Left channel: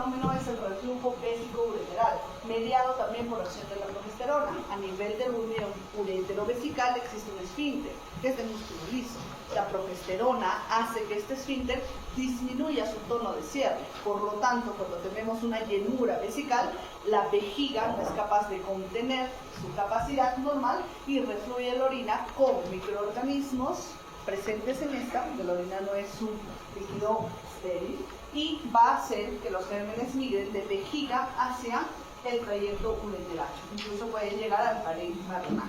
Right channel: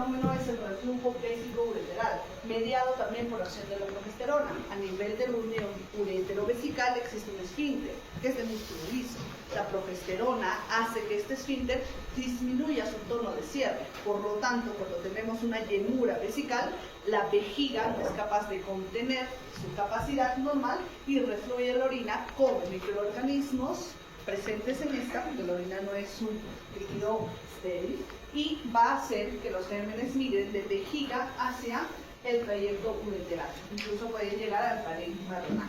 fenómeno es el reflujo vésico-ureteral, mediado también por acción de la progesterona. A nivel del uretero-vesical existe un esfínter, que es de músculo liso. La progesterona hace que este esfínter disminuya su tono de cierre. Por lo tanto, cuando tenemos una llenura vesical, la vejiga no es capaz de contener su capacidad normal y refluye la orina con microorganismos presentes en esta, porque la orina no es un líquido estéril, y va a hacer que los gérmenes migren de vejiga hacia el trayecto ureteral. Incluso pueden llegar al parénquima renal.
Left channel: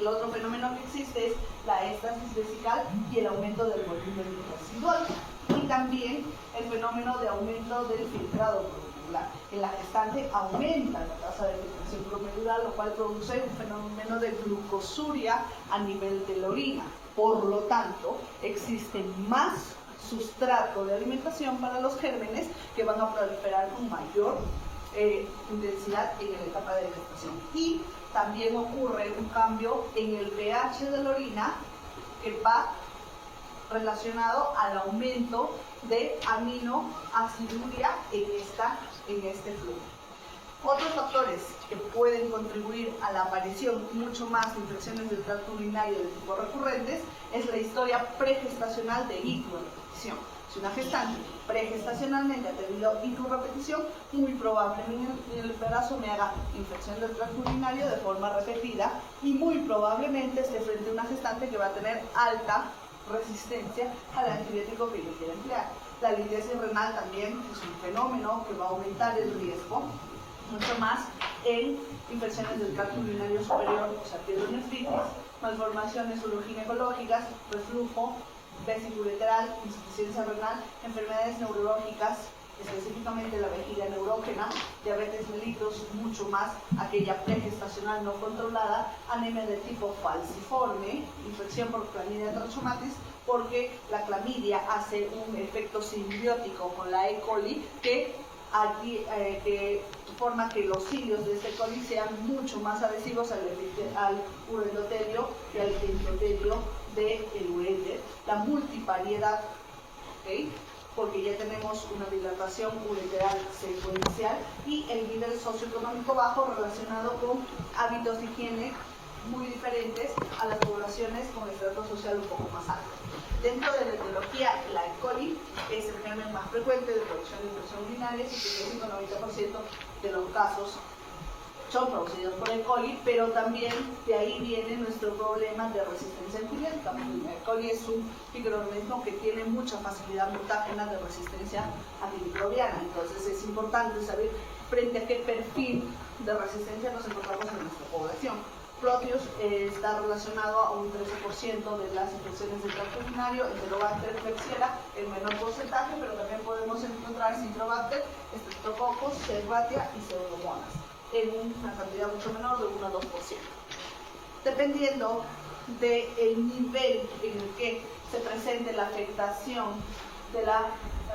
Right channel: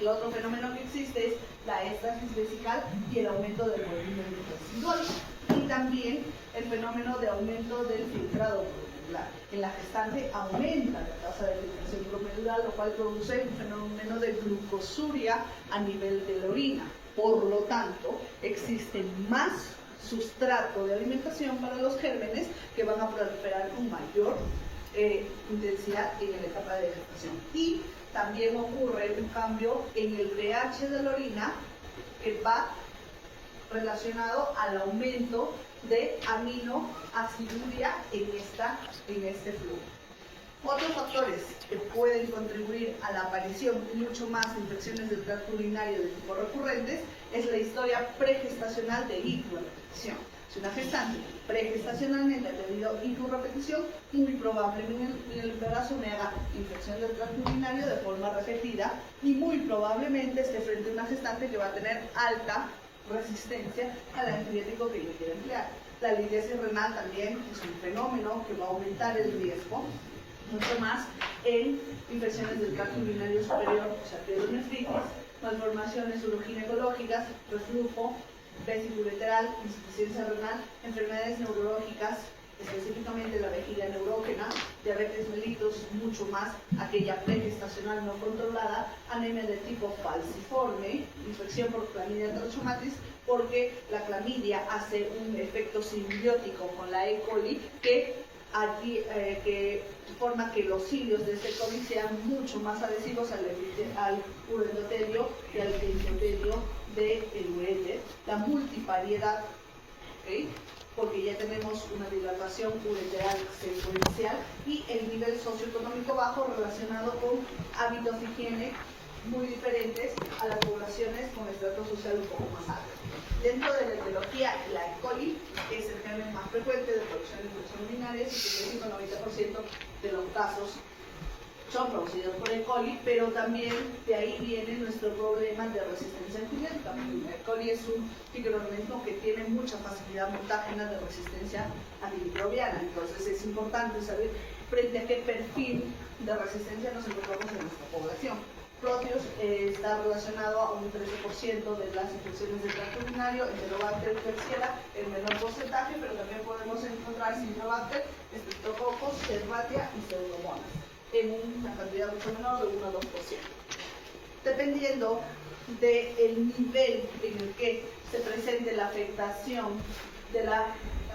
El otro fenómeno que existe es la éstasis vesical y el aumento del volumen residual. Y también el fenómeno de aumento del filtrado promedular. En la gestante aumenta la tasa de filtración promedular, lo cual produce un fenómeno de glucosuria a nivel de la orina. Por lo tanto, existe más sustrato de alimentación para los gérmenes que van a proliferar con mayor intensidad en la etapa de gestación. Y también ocurre un cambio en el pH de la orina que va relacionado al aumento de aminoaciduria en este flujo. Otros factores que pueden contribuir a la aparición mucho más de infecciones del tracto urinario de tipo recurrentes es la historia pregestacional de hiporrepetición. Si una gestante pregestacionalmente ha tenido hiporrepetición, muy probablemente en el embarazo me haga infección del tracto urinario de forma repetida y muy probablemente esté frente a una gestante que va a tener alta resistencia al antibiótico que yo quiera emplear. La litiasis renal también es un fenómeno que va a aumentar el riesgo mucho más en infecciones del tracto urinario superior, o sea, pielonefritis, malformaciones uroginecológicas, reflujo vésico-ureteral, insuficiencia renal, enfermedades neurológicas, específicamente la vejiga neurógena, diabetes mellitus, mucho más aquella pregestacional no controlada, anemia de tipo falciforme, infección por Chlamydia trachomatis, porque la clamidia hace un efecto simbiótico con la E. coli que forma que los cilios de este coli sean mucho más adhesivos al uroendotelio y al endotelio del uréter. La multivariedad, ¿okay? Porque ya tenemos una dilatación ureteral secuencial y el nivel socioeconómico bajo relacionado con hábitos de higiene muy diferentes a las poblaciones con estrato social un poco más alto. Dentro de la etiología, la E. coli es el germen más frecuente de producción de infección urinaria y el 90% de los casos son producidos por E. coli, pero también de ahí viene nuestro problema de resistencia antibiótica. E. coli es un microorganismo que tiene mucha facilidad mutágena de resistencia antimicrobiana, entonces es importante saber frente a qué perfil de resistencia nos encontramos en nuestra población. Proteus está relacionado a un 13% de las infecciones del tracto urinario, Enterobacter klebsiella en menor porcentaje, pero también podemos encontrar Citrobacter, Streptococcus, Serratia y Pseudomonas en una cantidad mucho menor de 1 a 2%. Dependiendo del nivel en el que se presente la afectación de la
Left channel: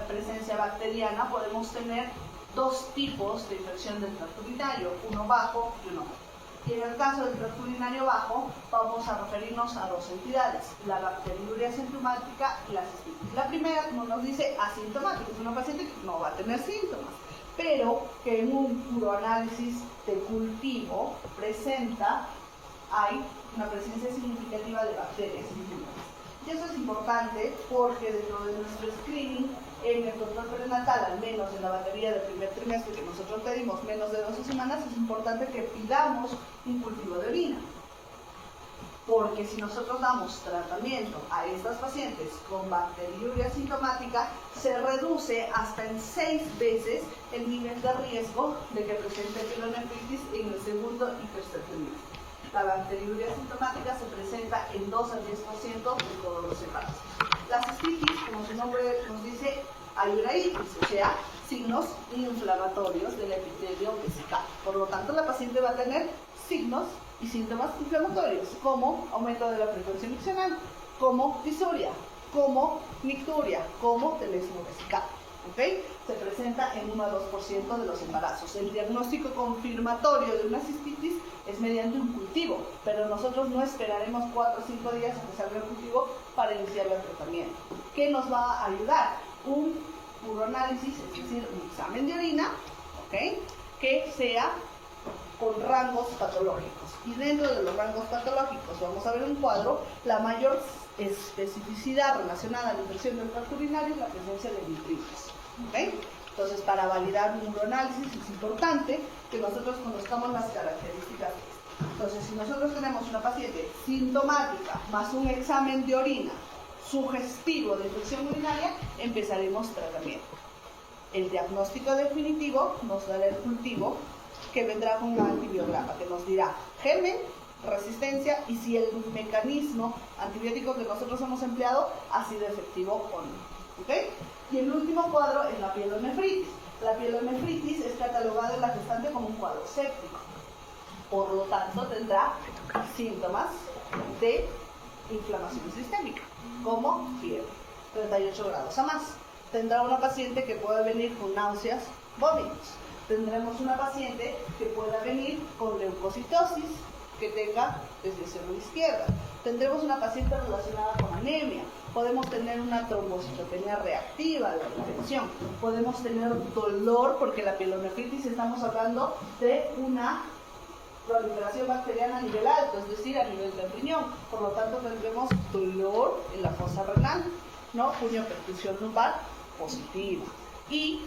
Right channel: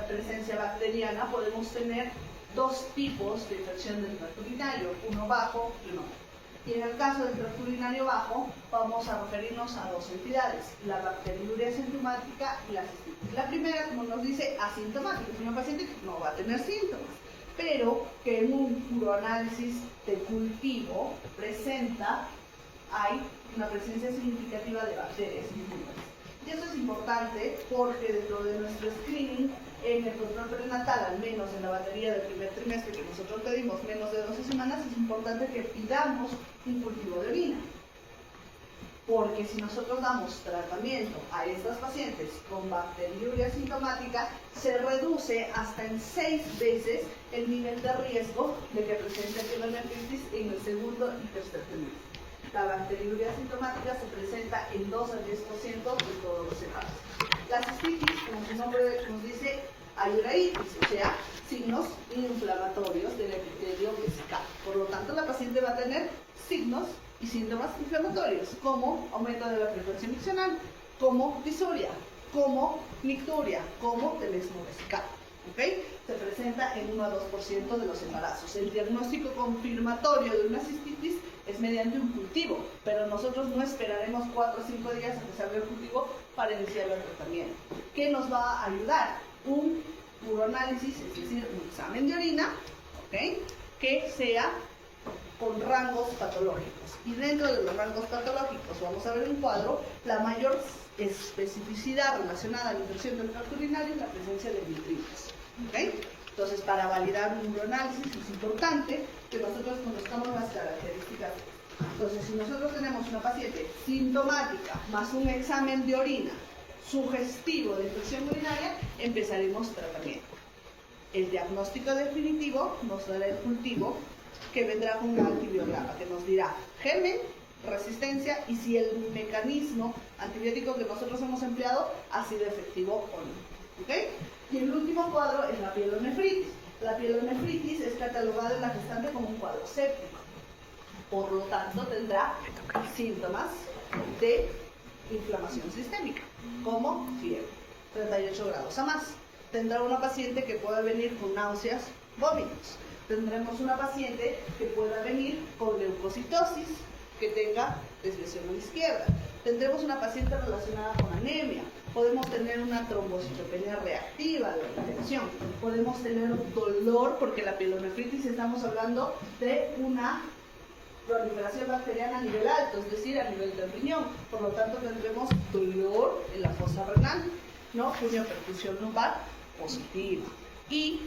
presencia bacteriana, podemos tener dos tipos de infección del tracto urinario, uno bajo y uno alto. Y en el caso del tracto urinario bajo, vamos a referirnos a dos entidades, la bacteriuria asintomática y la cistitis. La primera, como nos dice, asintomática, es una paciente que no va a tener síntomas, pero que en un uroanálisis de cultivo hay una presencia significativa de bacterias infectadas. Y eso es importante porque dentro de nuestro screening, en el control prenatal, al menos en la batería del primer trimestre que nosotros pedimos menos de 12 semanas, es importante que pidamos un cultivo de orina. Porque si nosotros damos tratamiento a estas pacientes con bacteriuria asintomática, se reduce hasta en 6 veces el nivel de riesgo de que presente pielonefritis en el segundo y tercer trimestre. La bacteriuria asintomática se presenta en 2 al 10% de todos los embarazos. La cistitis, como su nombre nos dice, hay uraitis, o sea, signos inflamatorios del epitelio vesical. Por lo tanto, la paciente va a tener signos y síntomas inflamatorios, como aumento de la frecuencia miccional, como disuria, como nicturia, como tenesmo vesical. ¿Okay? Se presenta en 1 a 2% de los embarazos. El diagnóstico confirmatorio de una cistitis es mediante un cultivo, pero nosotros no esperaremos 4 o 5 días a que salga el cultivo para iniciar el tratamiento. ¿Qué nos va a ayudar? Un uroanálisis, es decir, un examen de orina, ¿okay?, que sea con rangos patológicos. Y dentro de los rangos patológicos vamos a ver un cuadro. La mayor especificidad relacionada a la infección del tracto urinario es la presencia de nitritis. ¿Okay? Entonces, para validar un uroanálisis es importante que nosotros conozcamos las características de esto. Entonces, si nosotros tenemos una paciente sintomática más un examen de orina sugestivo de infección urinaria, empezaremos tratamiento. El diagnóstico definitivo nos dará el cultivo, que vendrá con un antibiograma que nos dirá germen, resistencia y si el mecanismo antibiótico que nosotros hemos empleado ha sido efectivo o no. ¿Okay? Y el último cuadro es la pielonefritis. La pielonefritis es catalogada en la gestante como un cuadro séptico. Por lo tanto, tendrá síntomas de inflamación sistémica, como fiebre, 38 grados a más. Tendrá una paciente que pueda venir con náuseas, vómitos. Tendremos una paciente que pueda venir con leucocitosis, que tenga desviación a la izquierda. Tendremos una paciente relacionada con anemia. Podemos tener una trombocitopenia reactiva de la infección. Podemos tener dolor, porque la pielonefritis estamos hablando de una proliferación bacteriana a nivel alto, es decir, a nivel del riñón. Por lo tanto, tendremos dolor en la fosa renal, ¿no? Punioperfusión lumbar positiva. Y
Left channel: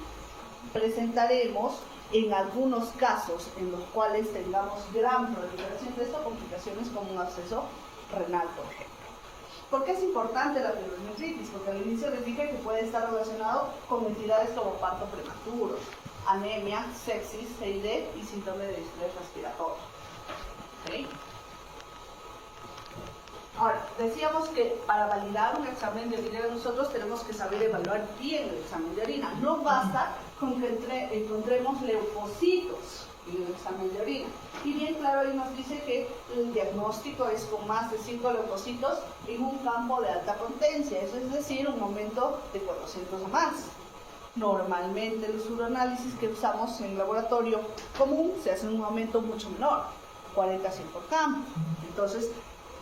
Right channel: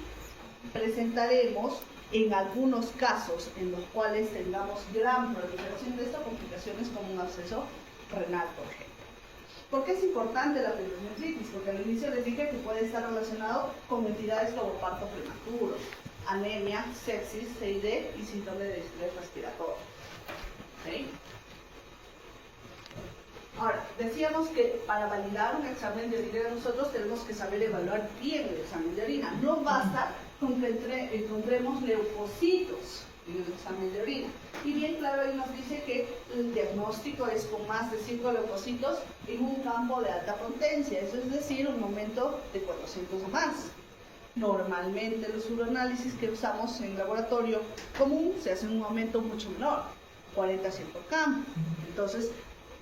presentaremos en algunos casos en los cuales tengamos gran proliferación de estas complicaciones, como un absceso renal, por ejemplo. ¿Por qué es importante la pielonefritis? Porque al inicio les dije que puede estar relacionado con entidades como parto prematuro, anemia, sepsis, CID y síndrome de distrés respiratorio. ¿Okay? Ahora, decíamos que para validar un examen de orina nosotros tenemos que saber evaluar bien el examen de orina. No basta con que encontremos leucocitos en el examen de orina. Y bien claro, ahí nos dice que el diagnóstico es con más de 5 leucocitos en un campo de alta potencia, eso es decir, un aumento de 400 o más. Normalmente los uroanálisis que usamos en laboratorio común se hacen un aumento mucho menor, 40 a 100 por campo. Entonces,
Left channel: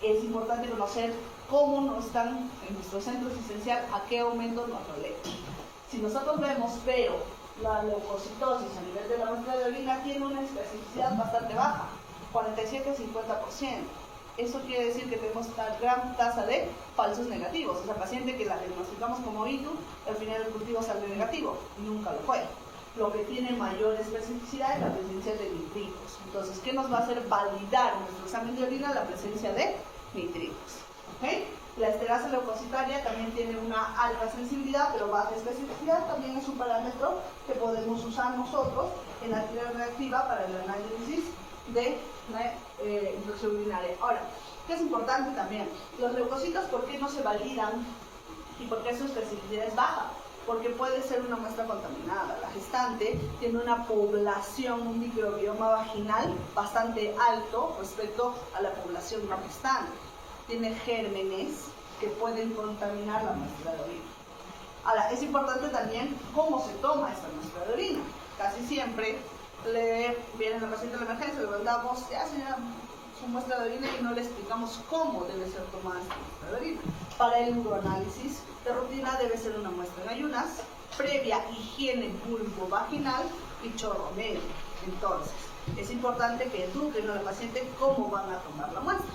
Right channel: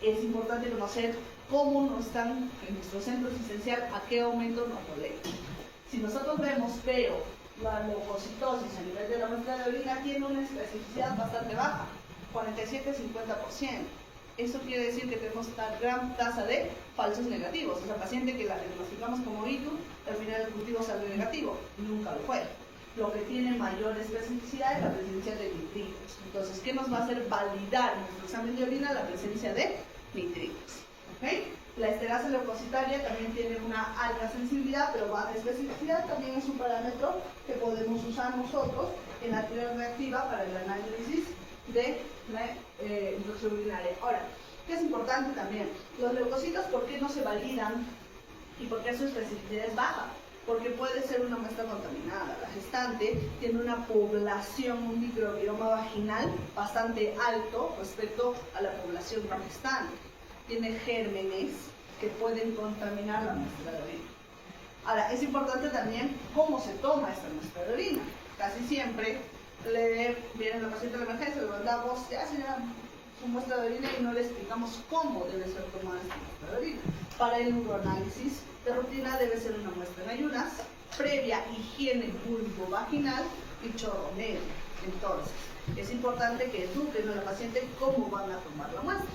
es importante conocer cómo nos están en nuestro centro asistencial, a qué aumento nos rodean. Si nosotros vemos, pero la leucocitosis a nivel de la muestra de orina tiene una especificidad bastante baja, 47-50%. Eso quiere decir que tenemos una gran tasa de falsos negativos. Esa paciente que la diagnosticamos como ITU, al final el cultivo sale negativo, nunca lo fue. Lo que tiene mayor especificidad es la presencia de nitritos. Entonces, ¿qué nos va a hacer validar en nuestro examen de orina la presencia de nitritos? ¿Okay? La esterasa leucocitaria también tiene una alta sensibilidad, pero baja especificidad. También es un parámetro que podemos usar nosotros en la actividad reactiva para el análisis de la infección urinaria. Ahora, ¿qué es importante también? Los leucocitos, ¿por qué no se validan y por qué su especificidad es baja? Porque puede ser una muestra contaminada. La gestante tiene una población, un microbioma vaginal bastante alto respecto a la población no gestante. Tiene gérmenes que pueden contaminar la muestra de orina. Ahora, es importante también cómo se toma esta muestra de orina. Casi siempre viene la paciente de emergencia, le mandamos, ya señora, su muestra de orina y no le explicamos cómo debe ser tomada esta muestra de orina. Para el uroanálisis de rutina debe ser una muestra en ayunas, previa higiene vulvovaginal y chorro medio. Entonces, es importante que eduquen al paciente cómo van a tomar la muestra.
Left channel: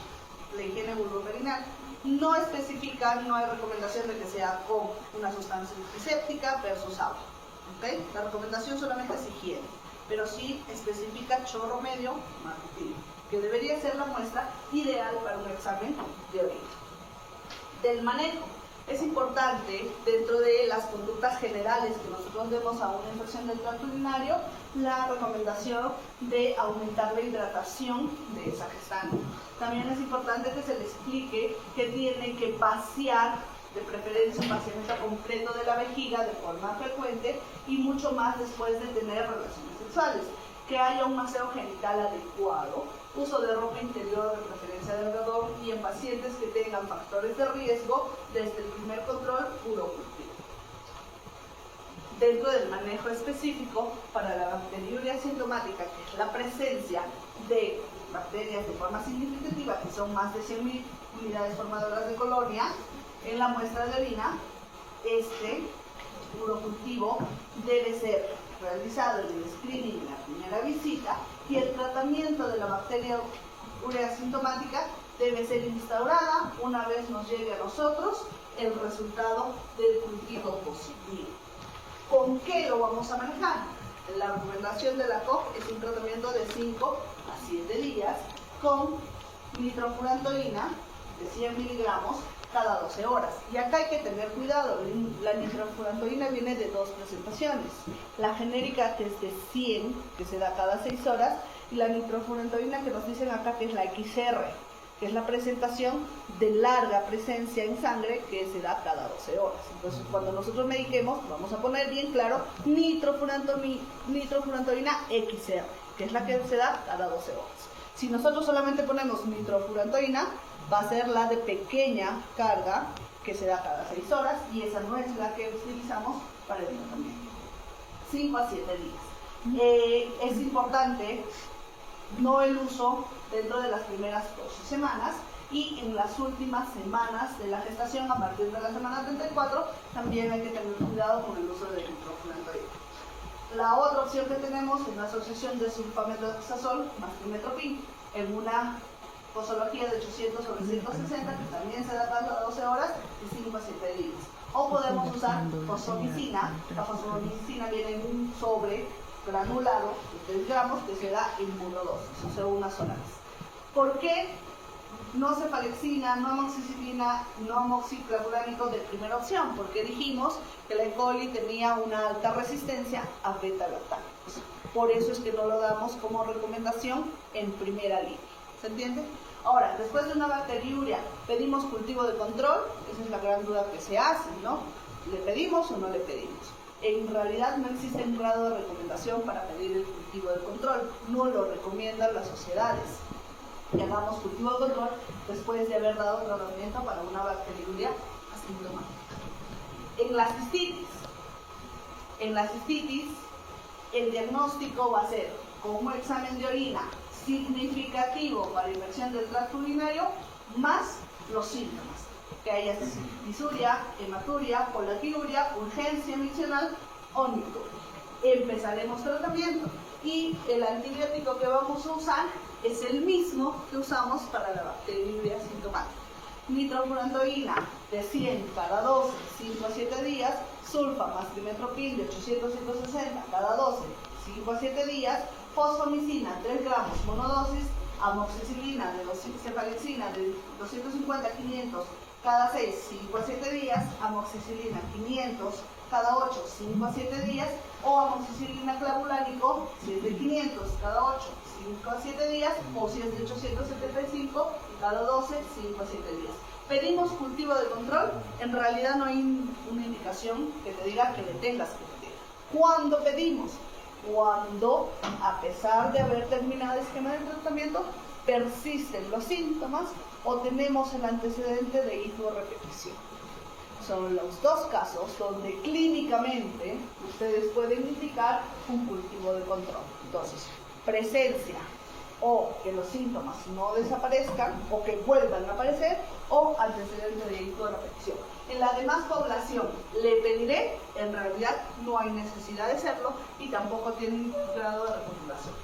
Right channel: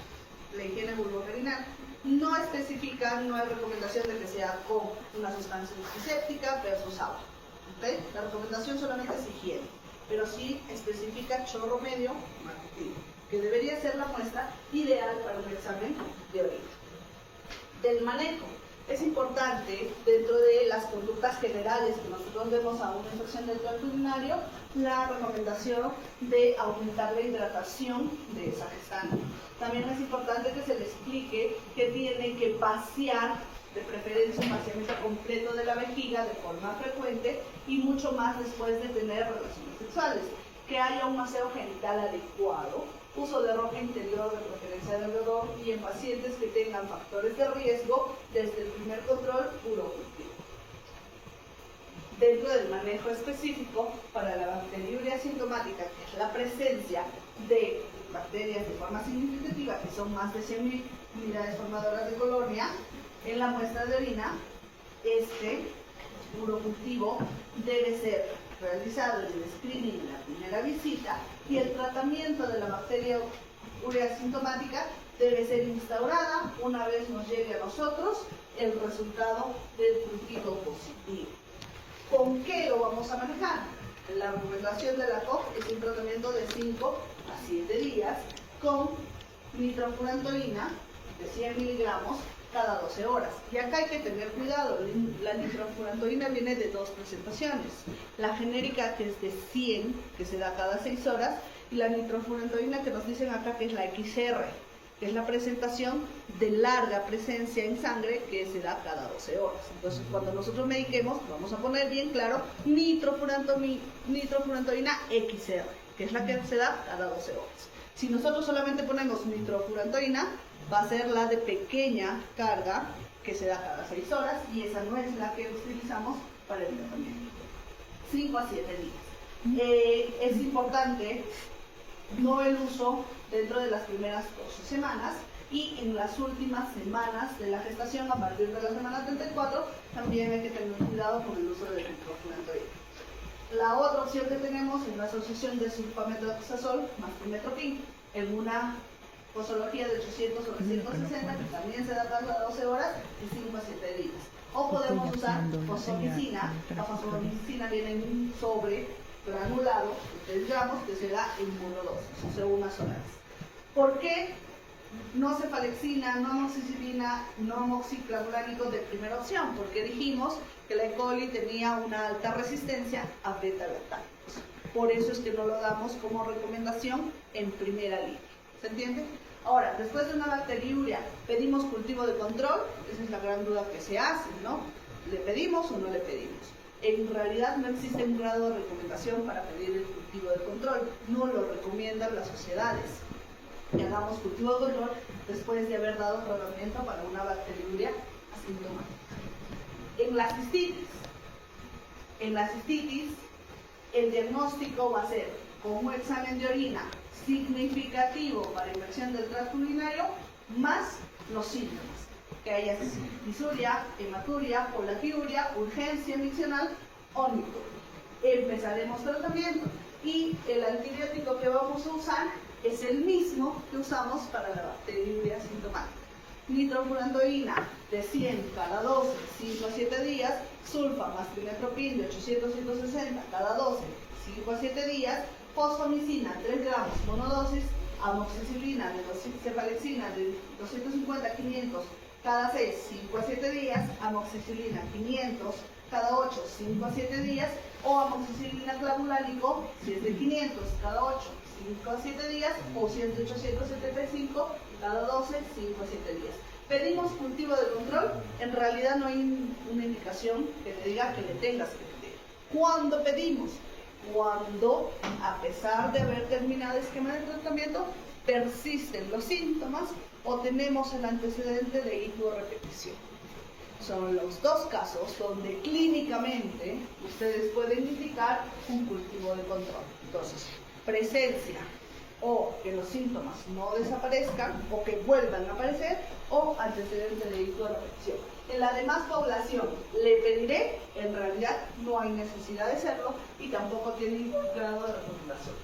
La higiene vulvovaginal no especifica, no hay recomendación de que sea con una sustancia antiséptica versus agua. ¿Okay? La recomendación solamente es higiene, pero sí especifica chorro medio matutino, que debería ser la muestra ideal para un examen de orina. Del manejo. Es importante, dentro de las conductas generales que nosotros vemos a una infección del tracto urinario, la recomendación de aumentar la hidratación de esa gestante. También es importante que se le explique que tiene que vaciar, de preferencia un vaciamiento completo de la vejiga de forma frecuente y mucho más después de tener relaciones sexuales. Que haya un aseo genital adecuado, uso de ropa interior de preferencia de algodón y en pacientes que tengan factores de riesgo desde el primer control urocultivo. Dentro del manejo específico para la bacteriuria asintomática, que es la presencia de bacterias de forma significativa, que son más de 100.000 unidades formadoras de colonia, en la muestra de orina, urocultivo debe ser realizado en el screening en la primera visita y el tratamiento de la bacteria urea asintomática debe ser instaurada una vez nos llegue a nosotros el resultado del cultivo positivo. ¿Con qué lo vamos a manejar? La recomendación de la COP es un tratamiento de 5 a 7 días con nitrofurantoína de 100 miligramos cada 12 horas. Y acá hay que tener cuidado, la nitrofurantoína viene de dos presentaciones. La genérica, que es de 100, que se da cada 6 horas, y la nitrofurantoína que nos dicen acá que es la XR, que es la presentación de larga presencia en sangre que se da cada 12 horas. Entonces, cuando nosotros mediquemos, vamos a poner bien claro nitrofurantoína XR, que es la que se da cada 12 horas. Si nosotros solamente ponemos nitrofurantoína, va a ser la de pequeña carga que se da cada 6 horas y esa no es la que utilizamos para el tratamiento. 5 a 7 días. Es importante no el uso dentro de las primeras 12 semanas y en las últimas semanas de la gestación, a partir de la semana 34, también hay que tener cuidado con el uso del nitrofurantoína. La otra opción que tenemos es la asociación de sulfamethoxazol más trimetoprim en una posología de 800 sobre 160, que también se da cada 12 horas y 5 a 7 días. O podemos usar fosfomicina. La fosfomicina viene en un sobre granulado de 3 gramos que se da en monodosis, o sea, una sola vez. ¿Por qué no cefalexina, no amoxicilina, no amoxiclavulánico de primera opción? Porque dijimos que la E. coli tenía una alta resistencia a beta-lactámicos. Por eso es que no lo damos como recomendación en primera línea. ¿Se entiende? Ahora, después de una bacteriuria, ¿pedimos cultivo de control? Esa es la gran duda que se hace, ¿no? ¿Le pedimos o no le pedimos? En realidad no existe un grado de recomendación para pedir el cultivo de control. No lo recomiendan las sociedades. Que hagamos cultivo de control después de haber dado tratamiento para una bacteriuria asintomática. En la cistitis, el diagnóstico va a ser con un examen de orina significativo para infección del tracto urinario, más los síntomas, que haya disuria, hematuria, polaquiuria, urgencia miccional o micturia. Empezaremos tratamiento y el antibiótico que vamos a usar es el mismo que usamos para la bacteriuria asintomática. Nitrofurantoína de 100 cada 12, 5 a 7 días, sulfa más trimetoprim de 800 a 160 cada 12, 5 a 7 días, fosfomicina 3 gramos monodosis, amoxicilina de cefalexina de 250 a 500 cada 6, 5 a 7 días, amoxicilina 500 cada 8, 5 a 7 días, o amoxicilina clavulánico si es de 500 cada 8, 5 a 7 días, o si es de 875 cada 12, 5 a 7 días. Pedimos cultivo de control, en realidad no hay una indicación que te diga que le tengas que pedir. ¿Cuándo pedimos? Cuando, a pesar de haber terminado el esquema de tratamiento, persisten los síntomas o tenemos el antecedente de hiporrepetición. Son los dos casos donde clínicamente ustedes pueden indicar un cultivo de control. Entonces, presencia o que los síntomas no desaparezcan o que vuelvan a aparecer o antecedente de hiporrepetición. En la demás población, ¿le pediré? En realidad no hay necesidad de hacerlo y tampoco tiene un grado de recomendación.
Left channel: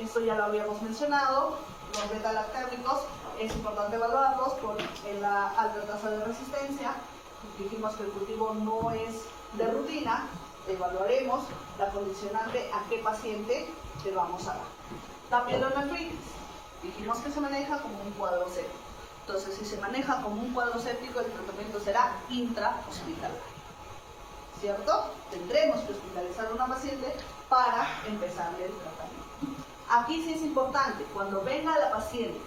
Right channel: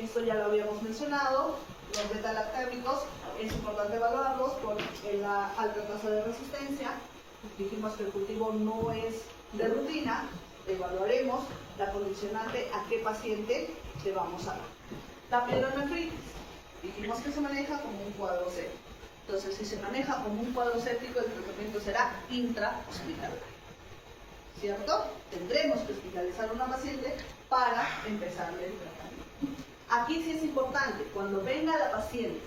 Esto ya lo habíamos mencionado, los beta-lactámicos es importante evaluarlos por la alta tasa de resistencia. Dijimos que el cultivo no es de rutina, evaluaremos la condicionante a qué paciente le vamos a dar. La pielonefritis, dijimos que se maneja como un cuadro séptico. Entonces, si se maneja como un cuadro séptico, el tratamiento será intrahospitalario. ¿Cierto? Tendremos que hospitalizar a una paciente para empezar el tratamiento. Aquí sí es importante, cuando venga la paciente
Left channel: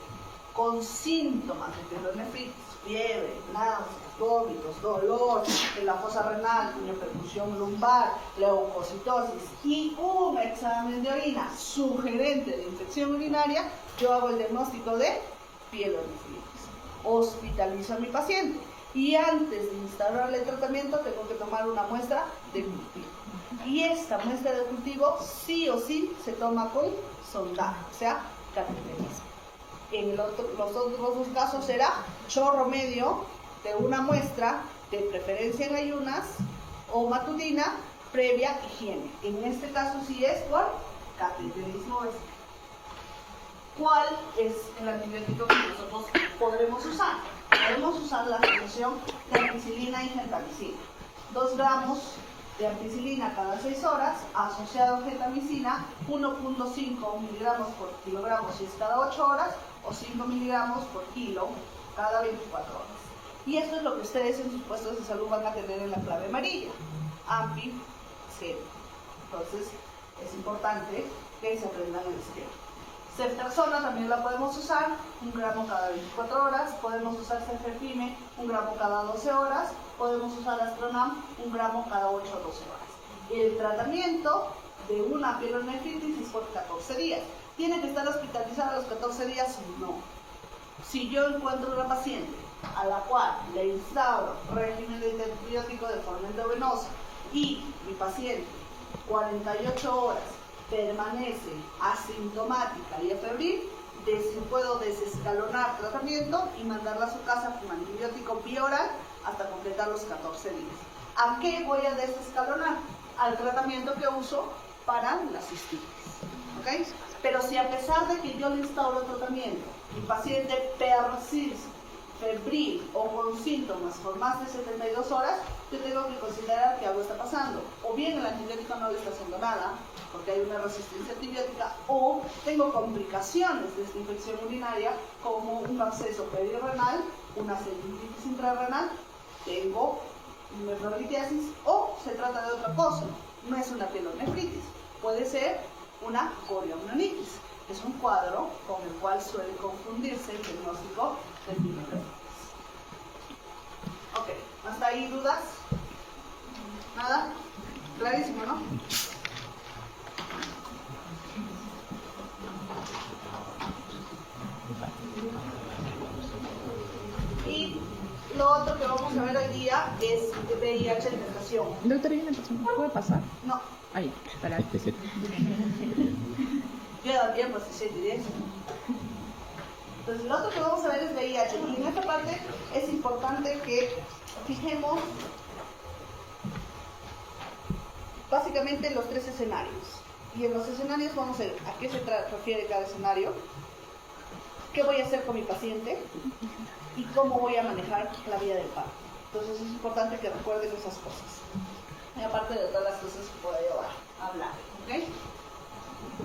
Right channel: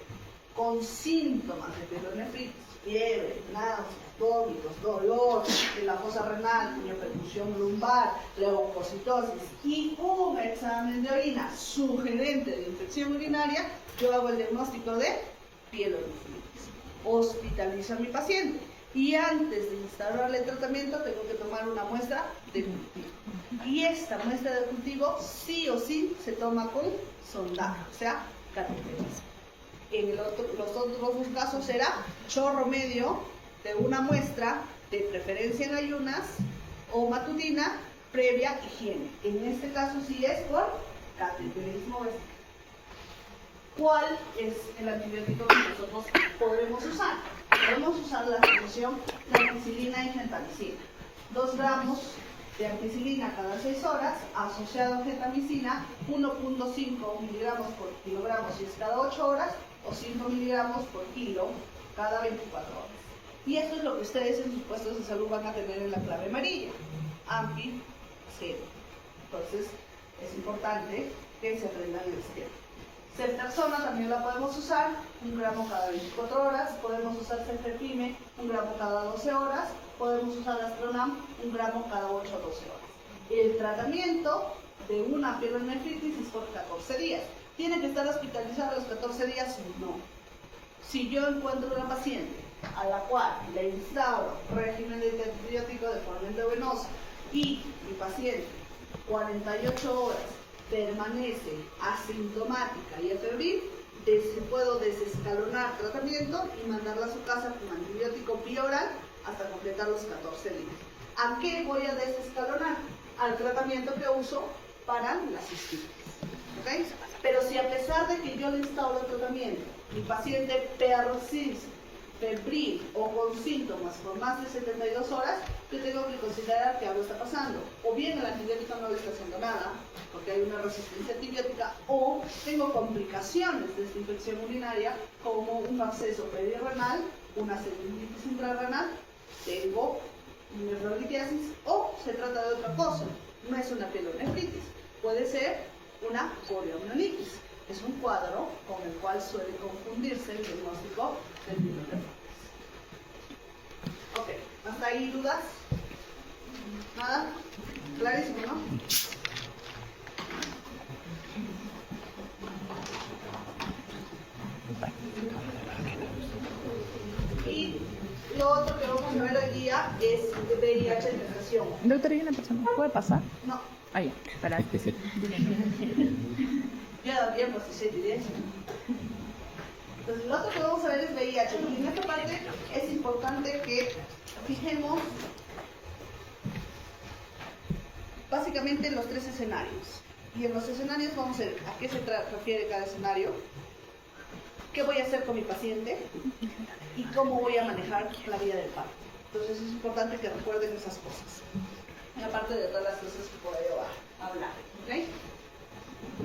con síntomas de pielonefritis, fiebre, náuseas, vómitos, dolor en la fosa renal, percusión lumbar, leucocitosis y un examen de orina sugerente de infección urinaria, yo hago el diagnóstico de pielonefritis. Hospitalizo a mi paciente y antes de instalarle el tratamiento tengo que tomar una muestra de cultivo. Y esta muestra de cultivo sí o sí se toma con sondaje, o sea, cateterización. En los otros dos casos será chorro medio de una muestra de preferencia en ayunas o matutina, previa higiene. En este caso sí es por cateterismo vesical. ¿Cuál es el antibiótico que nosotros podemos usar? Podemos usar la solución de ampicilina y gentamicina. 2 gramos de ampicilina cada 6 horas, asociado a gentamicina, 1.5 miligramos por kilogramo si es cada 8 horas, o 5 miligramos por kilo cada 24 horas. Y esto es lo que ustedes en sus puestos de salud van a tener en la clave amarilla, AMPI 0. Entonces, es importante que se aprendan el esquema. Ceftriaxona también la podemos usar, 1 gramo cada 24 horas, podemos usar cefepime, 1 gramo cada 12 horas, podemos usar astronam, 1 gramo cada 8 o 12 horas. El tratamiento de una pielonefritis es por 14 días. ¿Tiene que estar hospitalizada a los 14 días? No. Si yo encuentro una paciente a la cual le instauro régimen de antibiótico de forma endovenosa y mi paciente 48 horas permanece asintomática y afebril, puedo desescalonar tratamiento y mandarla a su casa con antibiótico bioral hasta completar los 14 días. ¿A qué voy a desescalonar? Al tratamiento que uso para la cistitis. ¿Okay? Pero si a pesar de que yo le instauro el tratamiento, mi paciente persiste febril o con síntomas por más de 72 horas, yo tengo que considerar que algo está pasando. O bien el antibiótico no le está haciendo nada, porque hay una resistencia antibiótica, o tengo complicaciones de esta infección urinaria, como un absceso perirrenal, una celulitis intrarrenal, tengo nefrolitiasis, o se trata de otra cosa. No es una pielonefritis, puede ser una corioamnionitis. Es un cuadro con el cual suele confundirse el diagnóstico del pielonefritis. Ok, ¿hasta ahí dudas? ¿Nada? Clarísimo, ¿no? Y lo otro que vamos a ver hoy día es VIH de gestación. Doctora, ¿hay una persona? ¿Puede pasar? No. Ah, ya, para que se... Yo he dado tiempo, si se diré eso. Entonces, lo otro que vamos a ver es VIH. Y en esta parte es importante que fijemos básicamente los 3 escenarios. Y en los escenarios vamos a ver a qué se refiere cada escenario, qué voy a hacer con mi paciente y cómo voy a manejar la vía del parto. Entonces, es importante que recuerden esas cosas. Y aparte de todas las cosas que puedo hablar. ¿Okay?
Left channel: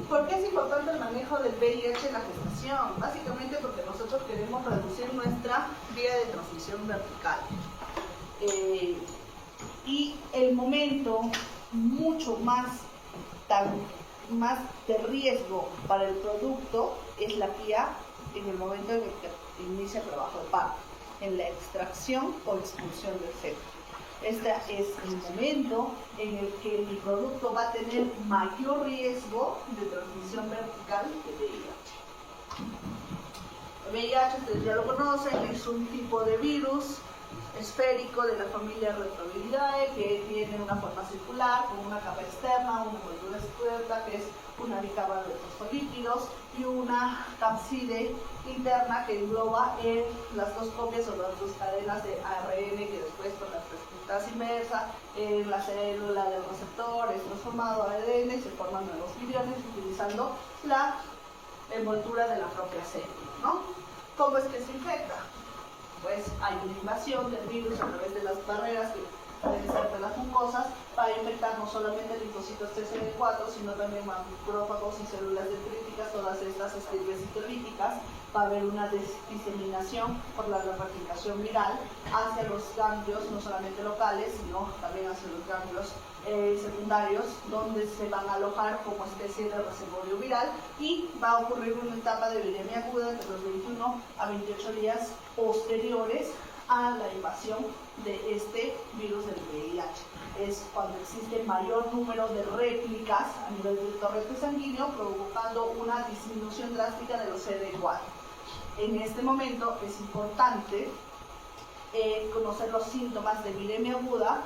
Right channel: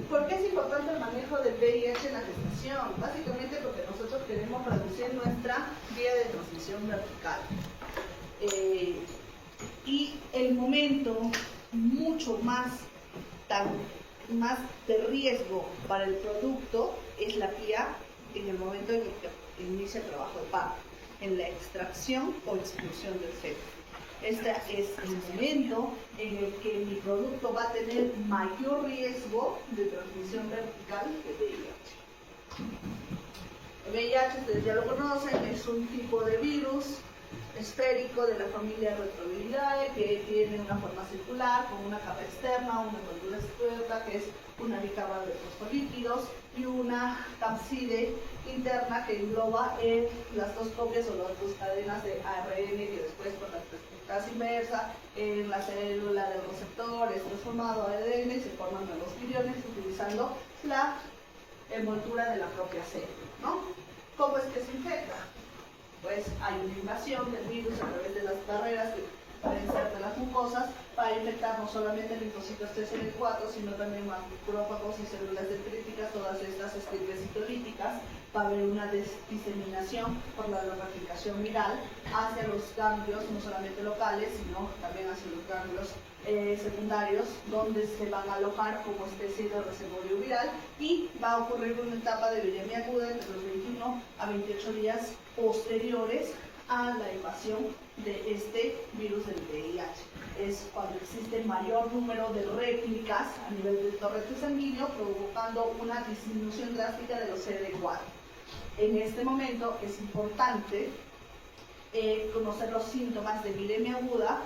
¿Por qué es importante el manejo del VIH en la gestación? Básicamente porque nosotros queremos reducir nuestra vía de transmisión vertical. Y el momento mucho más de riesgo para el producto es la vía en el momento en el que inicia el trabajo de parto, en la extracción o expulsión del feto. Este es el momento en el que mi producto va a tener mayor riesgo de transmisión vertical de VIH. El VIH, ustedes ya lo conocen, es un tipo de virus esférico de la familia Retroviridea que tiene una forma circular con una capa externa, una envoltura externa que es una bicarra de fosfolípidos y una cápside interna que engloba las 2 copias o las 2 cadenas de ARN que después con la transcriptasa inversa en la célula del receptor es transformado a ADN y se forman nuevos viriones utilizando la envoltura de la propia célula, ¿no? ¿Cómo es que se infecta? Pues hay una invasión del virus a través de las barreras que insertan las mucosas para infectar no solamente linfocitos TCD4, sino también macrófagos y células dendríticas, todas estas citolíticas. Va a haber una diseminación por la replicación viral hacia los ganglios, no solamente locales, sino también hacia los ganglios secundarios, donde se van a alojar como especie de reservorio viral y va a ocurrir una etapa de viremia aguda entre los 21 a 28 días posteriores a la invasión de este virus del VIH. Es cuando existe mayor número de réplicas a nivel del torrente sanguíneo, provocando una disminución drástica de los CD4. En este momento es importante conocer los síntomas de viremia aguda,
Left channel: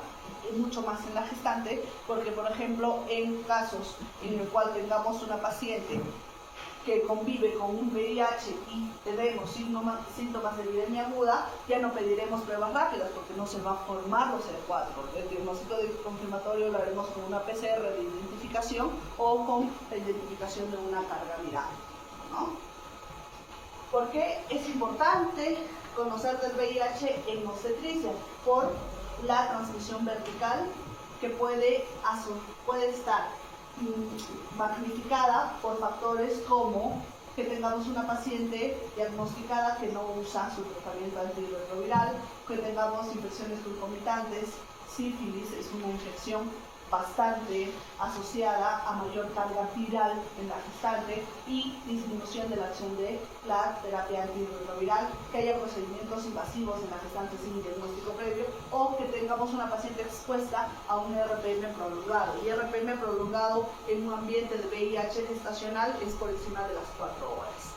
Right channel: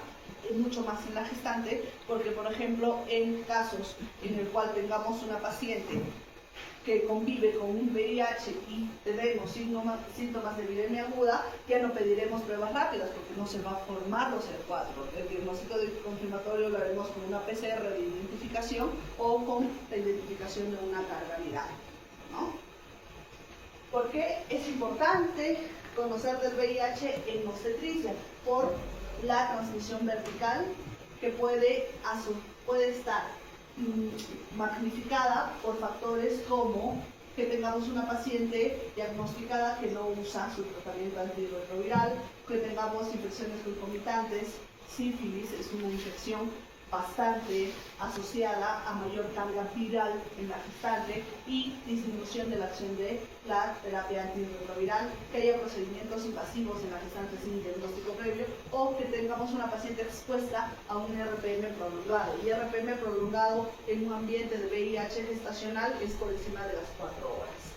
mucho más en la gestante, porque por ejemplo en casos en el cual tengamos una paciente que convive con un VIH y tenemos síntomas de epidemia aguda, ya no pediremos pruebas rápidas porque no se va a formar los CD4. El diagnóstico confirmatorio lo haremos con una PCR de identificación o con la identificación de una carga viral, ¿no? ¿Por qué es importante conocer del VIH en obstetricia? Por la transmisión vertical que puede estar magnificada por factores como que tengamos una paciente diagnosticada que no usa su tratamiento antirretroviral, que tengamos infecciones concomitantes. Sífilis es una infección bastante asociada a mayor carga viral en la gestante y disminución de la acción de la terapia antirretroviral, que haya procedimientos invasivos en la gestante sin diagnóstico previo o que tengamos una paciente expuesta a un RPM prolongado. Y RPM prolongado en un ambiente de VIH gestacional es por encima de las 4 horas.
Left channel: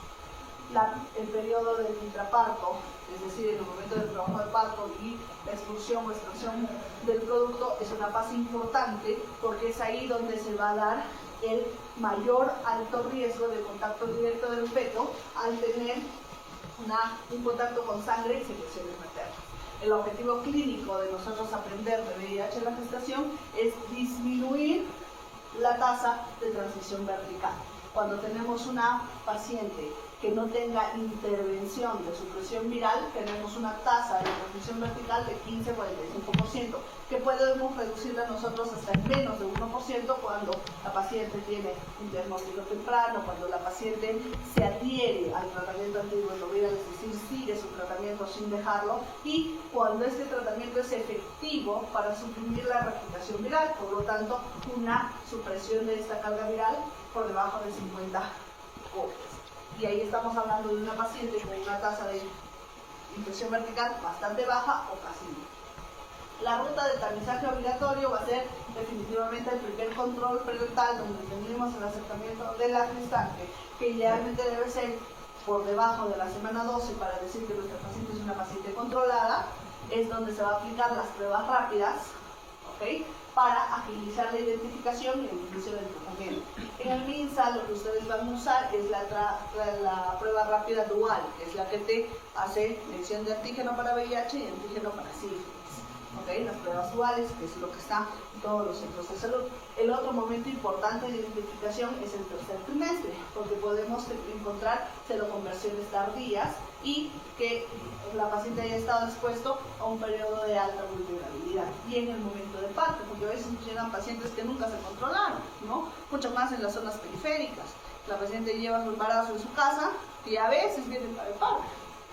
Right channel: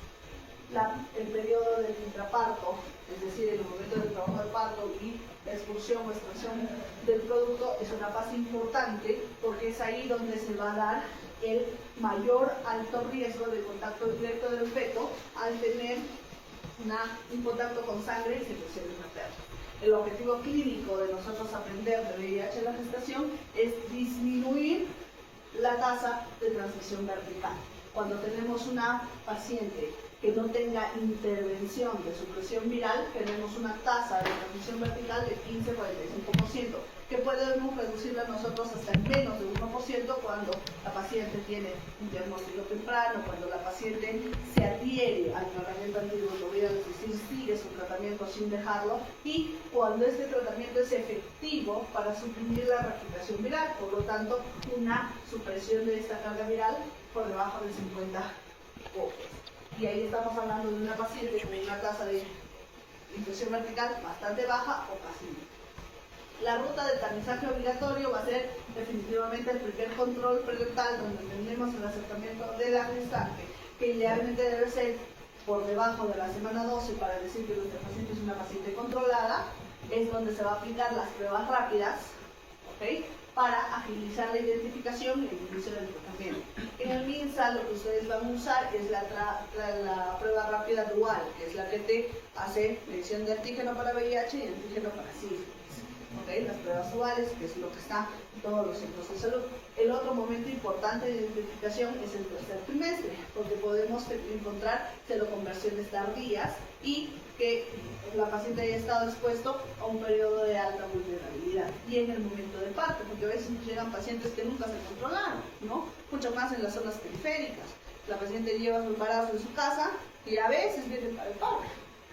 El periodo del intraparto, es decir, el momento del trabajo del parto y la expulsión o extracción del producto, es una fase importante porque es ahí donde se va a dar el mayor alto riesgo de contacto directo del feto al tener un contacto con sangre y secreciones maternas. El objetivo clínico de nosotros aprender de VIH en la gestación es disminuir la tasa de transmisión vertical. Cuando tenemos una paciente que no tenga intervención de supresión viral, tenemos una tasa de transmisión vertical de 15-45%, que podemos reducirla nosotros hasta en menos de 1% cuando la paciente tiene un diagnóstico temprano, cuando la paciente se adhiere al tratamiento antirretroviral, es decir, sigue su tratamiento sin dejarlo, y cuando este tratamiento es efectivo para suprimir la replicación viral, por lo tanto, una supresión de esta carga viral por debajo de 50 copias. Y ahí estamos hablando de una paciente con una tasa de infección vertical bastante baja o casi nula. La ruta de tamizaje obligatorio va a ser definitivamente el primer control prenatal, donde tenemos el acercamiento de la gestante, que idealmente debe ser por debajo de la semana 12 para decir que nuestra paciente es una paciente controlada. Es donde se va a aplicar las pruebas rápidas, ¿ok?, para agilizar la identificación y el inicio del tratamiento. En el MINSA lo que ustedes van a usar es la prueba rápida dual, que es la que te hace medición de antígeno para VIH y antígeno para sífilis. ¿Okay? Las pruebas duales, que es lo que está en todos los centros de salud. El otro momento importante de identificación es el tercer trimestre, porque podemos encontrar seroconversiones tardías y que la paciente haya estado expuesto a un periodo de alta vulnerabilidad. Y en el momento del parto, porque a veces llegan pacientes que nunca se controlaron, ¿no? Mucho más en las zonas periféricas. La paciente lleva su embarazo en su casa y a veces viene para el parto,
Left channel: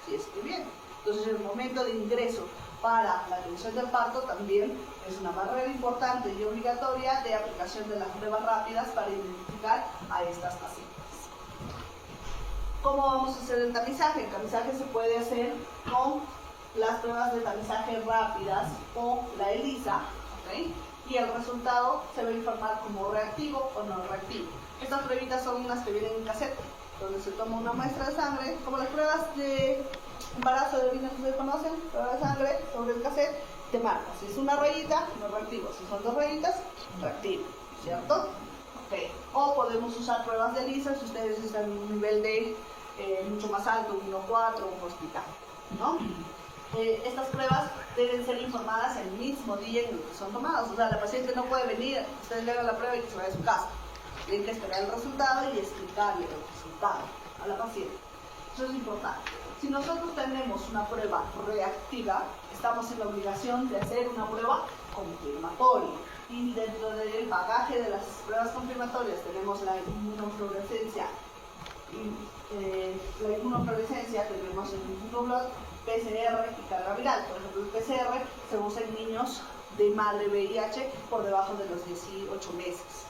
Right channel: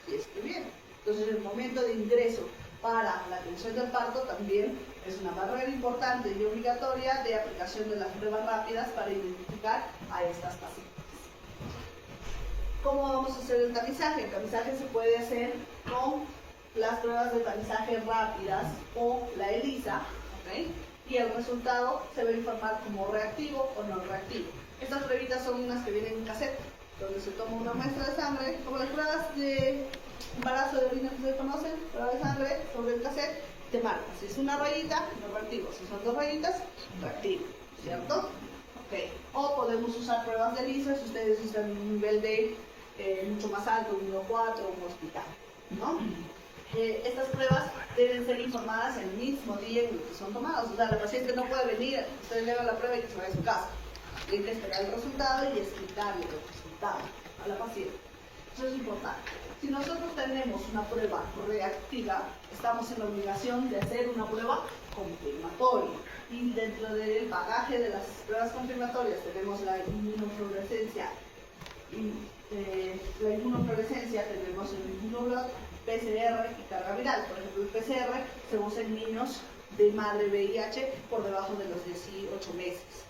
si es que viene. Entonces el momento de ingreso para la atención del parto también es una barrera importante y obligatoria de aplicación de las pruebas rápidas para identificar a estas pacientes. ¿Cómo vamos a hacer el tamizaje? El tamizaje se puede hacer con las pruebas de tamizaje rápidas o la ELISA, ¿okay? Y el resultado se va a informar como reactivo o no reactivo. Estas pruebitas son unas que vienen en cassette, donde se toma una muestra de sangre, como las pruebas de embarazo de orina que ustedes conocen, prueba de sangre sobre el cassette, te marca. Si es una rayita, no reactivo. Si son 2 rayitas, reactivo, ¿cierto? Okay. O podemos usar pruebas de ELISA si ustedes usan un nivel de mucho más alto, un 1.4 o un hospital, ¿no? Estas pruebas deben ser informadas el mismo día en el que son tomadas. O sea, la paciente no puede venir, ustedes le hagan la prueba y que se vaya a su casa. Tienen que esperar el resultado y explicarle el resultado a la paciente. Eso es importante. Si nosotros tenemos una prueba reactiva, estamos en la obligación de hacer una prueba confirmatoria. Y dentro del bagaje de las pruebas confirmatorias tenemos la inmunofluorescencia. La inmunofluorescencia tenemos el inmunoblot, PCR y carga viral. Por ejemplo, el PCR se usa en niños de madre VIH por debajo de los 18 meses,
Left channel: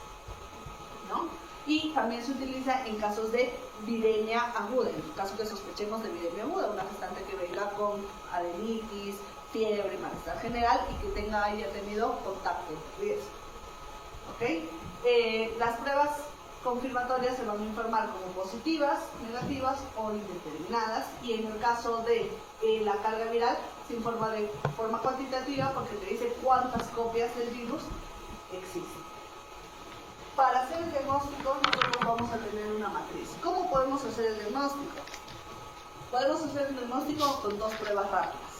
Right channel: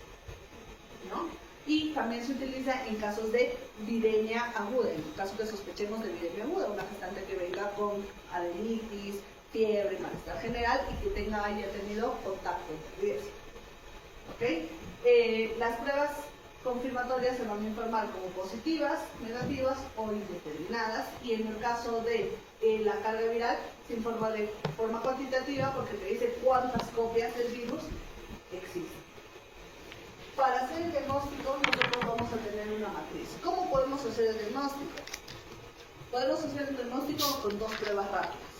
¿no? Y también se utiliza en casos de viremia aguda, en caso que sospechemos de viremia aguda, una gestante que venga con adenitis, fiebre, malestar general y que haya tenido contacto de riesgo. ¿Okay? Las pruebas confirmatorias se van a informar como positivas, negativas o indeterminadas, y en el caso de la carga viral se informa de forma cuantitativa porque te dice cuántas copias del virus existen. Para hacer el diagnóstico nosotros vamos a tener una matriz. ¿Cómo podemos hacer el diagnóstico? Podemos hacer el diagnóstico con dos pruebas rápidas.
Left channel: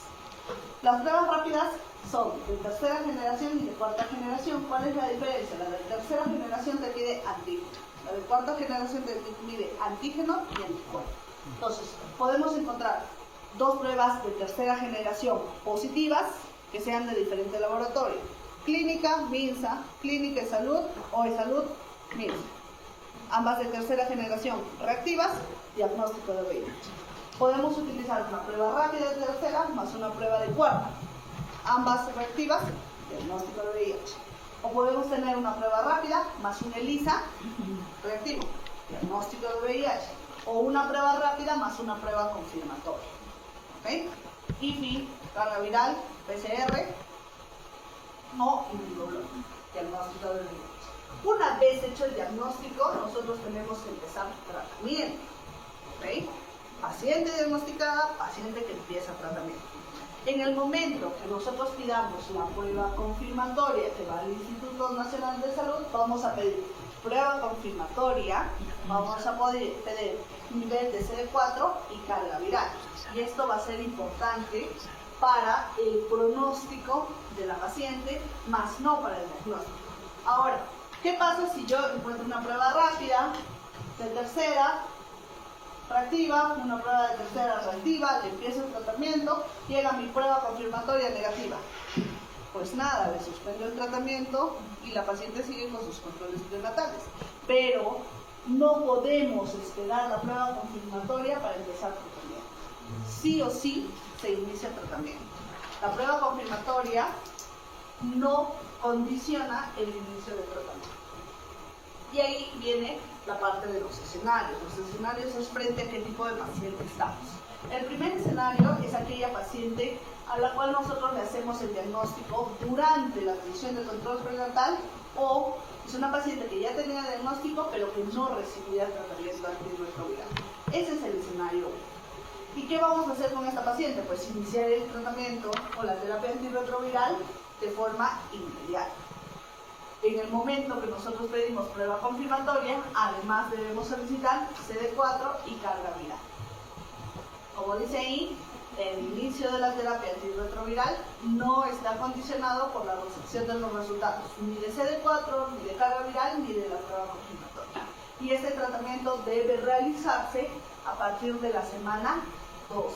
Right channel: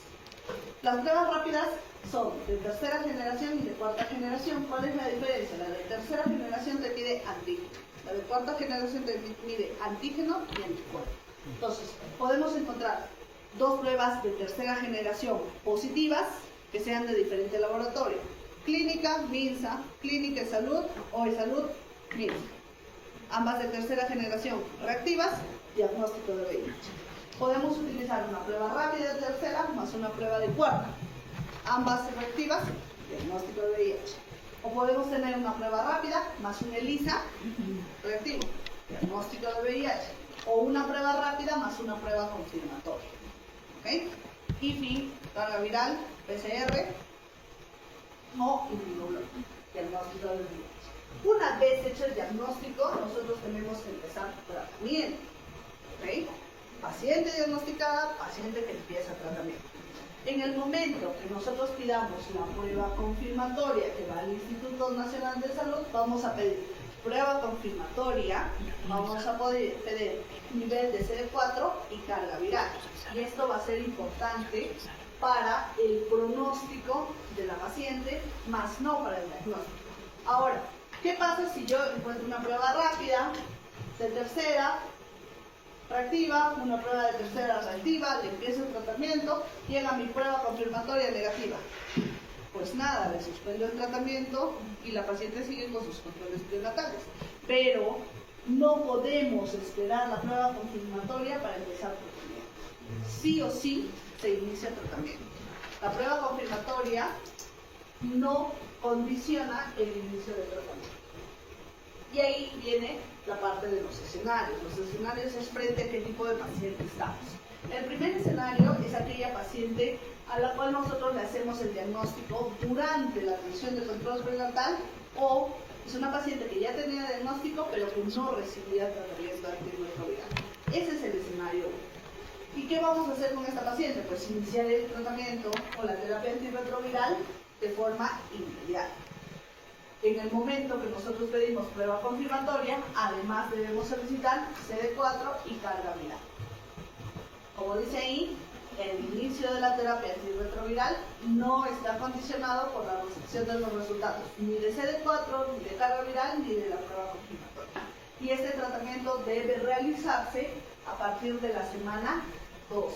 Las pruebas rápidas son de tercera generación y de cuarta generación. ¿Cuál es la diferencia? La de tercera generación te pide antígeno. La de cuarta generación te pide antígeno y anticuerpo. Entonces, podemos encontrar dos pruebas de tercera generación positivas que sean de diferente laboratorio. Clínica, MINSA, Clínica de Salud o de Salud, MINSA. Ambas de tercera generación reactivas, diagnóstico de VIH. Podemos utilizar una prueba rápida de tercera más una prueba de cuarta. Ambas reactivas, diagnóstico de VIH. O podemos tener una prueba rápida más un ELISA reactivo, diagnóstico de VIH. O una prueba rápida más una prueba confirmatoria. ¿Okay? IFI, carga viral, PCR o inmunoglobulina, diagnóstico de VIH. Una vez hecho el diagnóstico, nosotros tenemos que empezar tratamiento. ¿Okay? Paciente diagnosticada, paciente que empieza tratamiento. En el momento que nosotros pidamos la prueba confirmatoria que va al Instituto Nacional de Salud, vamos a pedir prueba confirmatoria, vamos a poder pedir nivel de CD4 y carga viral. Y esto va a ser importante para el pronóstico de la paciente, más no para el diagnóstico. Ahora, ¿qué pasa si yo encuentro una prueba rápida de tercera reactiva, una prueba de tercera reactiva, le empiezo el tratamiento, llega mi prueba confirmatoria negativa? Pues nada, le suspendo el tratamiento y la paciente sigue con sus controles prenatales. Pero no podemos esperar la prueba confirmatoria para empezar el tratamiento. Sí o sí se inicia el tratamiento. La prueba confirmatoria no condiciona el inicio del tratamiento. Y ahí viene la parte de los escenarios. Los escenarios es frente a qué tipo de paciente estamos. El primer escenario es aquella paciente a la cual nosotros le hacemos el diagnóstico durante la revisión de control prenatal, o es una paciente que ya tenía diagnóstico pero que no recibía tratamiento antirretroviral. Ese es el escenario. ¿Y qué vamos a hacer con esta paciente? Pues iniciar el tratamiento con la terapia antirretroviral de forma inmediata. En el momento que nosotros pedimos prueba confirmatoria, además debemos solicitar CD4 y carga viral. Como dice ahí, el inicio de la terapia antirretroviral no está condicionado por la recepción de los resultados ni de CD4, ni de carga viral, ni de la prueba confirmatoria. Y este tratamiento debe realizarse a partir de la semana 12.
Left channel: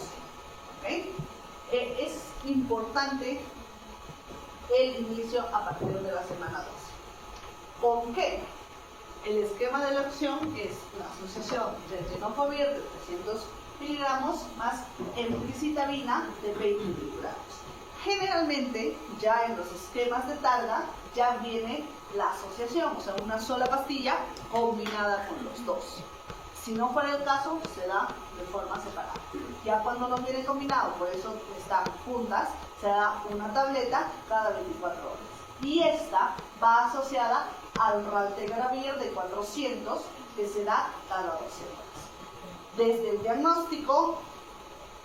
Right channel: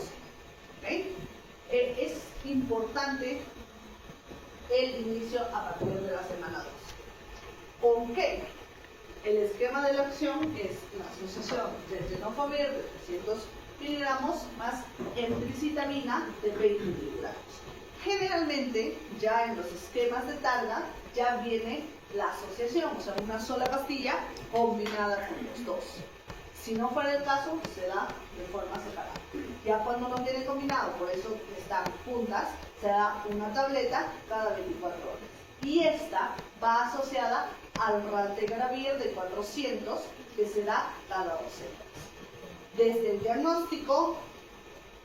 ¿Okay? Es importante el inicio a partir de la semana 12. ¿Con qué? El esquema de la acción es la asociación de tenofovir de 300 miligramos más emtricitabina de 20 miligramos. Generalmente, ya en los esquemas de Targa, ya viene la asociación, o sea, una sola pastilla combinada con los dos. Si no fuera el caso, se da de forma separada. Ya cuando no viene combinado, por eso están juntas, se da una tableta cada 24 horas. Y esta va asociada al raltegravir de 400 que se da cada 12 horas. Desde el diagnóstico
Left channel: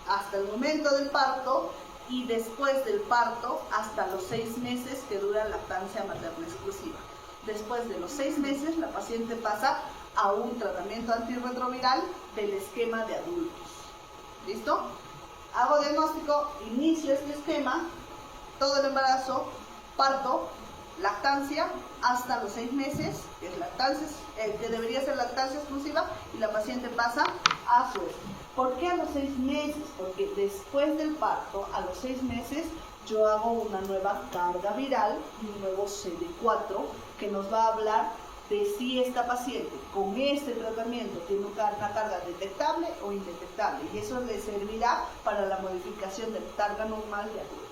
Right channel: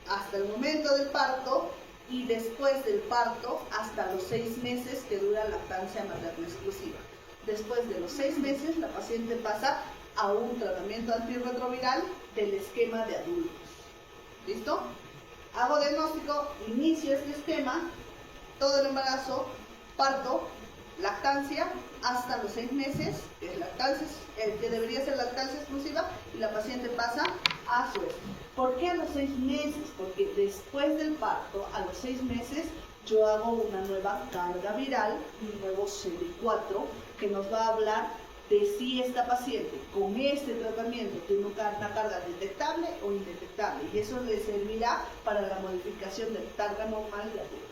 hasta el momento del parto y después del parto hasta los 6 meses que dura la lactancia materna exclusiva. Después de los 6 meses la paciente pasa a un tratamiento antirretroviral del esquema de adultos. ¿Listo? Hago diagnóstico, inicio este esquema, todo el embarazo, parto, lactancia hasta los 6 meses, que, es lactancia, que debería ser lactancia exclusiva, y la paciente pasa a su esquema. ¿Por qué a los 6 meses? Porque después del parto, a los 6 meses, yo hago una nueva carga viral, un nuevo CD4, que nos va a hablar de si esta paciente con este tratamiento tiene una carga detectable o indetectable, y eso le servirá para la modificación de carga normal de adulto.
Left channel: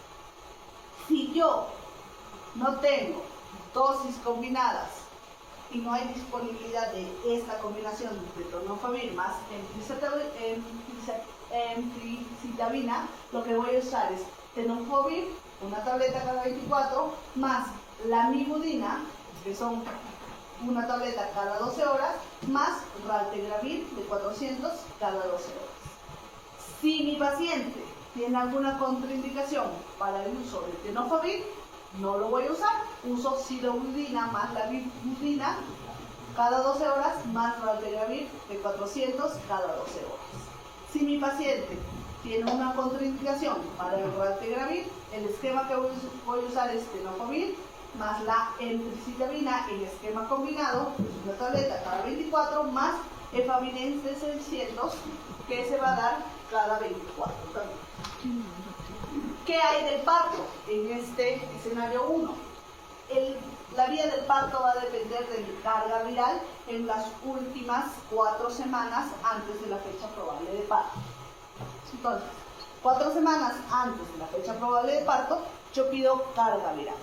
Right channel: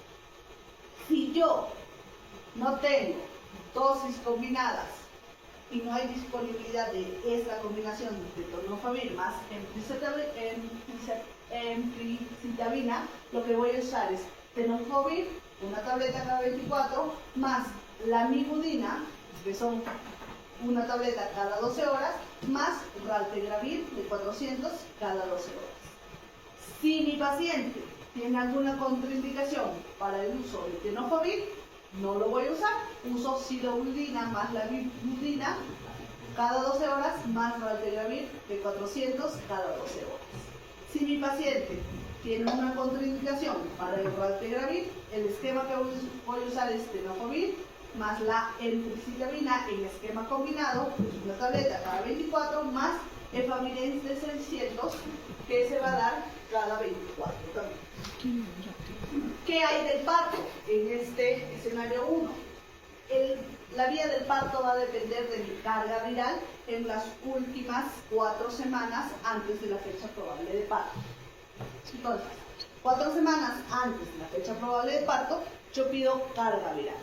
Si yo no tengo dosis combinadas y no hay disponibilidad de esta combinación de tenofovir más emtricitabina, lo que voy a usar es tenofovir, una tableta cada 24, más la mibudina, que son una tableta cada 12 horas, más raltegravir de 400 cada 12 horas. Si mi paciente tiene alguna contraindicación para el uso de tenofovir, no lo voy a usar, uso sidobudina más la bibudina cada 12 horas más Raltegravir de 400 cada 12 horas. Si mi paciente tiene una contraindicación para el Raltegravir, el esquema que voy a usar es tenofovir más la emtricitabina en esquema combinado, una tableta cada 24, más efavirenz de 600, que se va a dar cada 24 también. ¿Qué hay del parto en este escenario 1? La vía del parto va a depender de mi carga viral en las últimas 4 semanas antes de la fecha probable de parto. Entonces, 4 semanas antes de la fecha probable de parto, yo pido carga viral.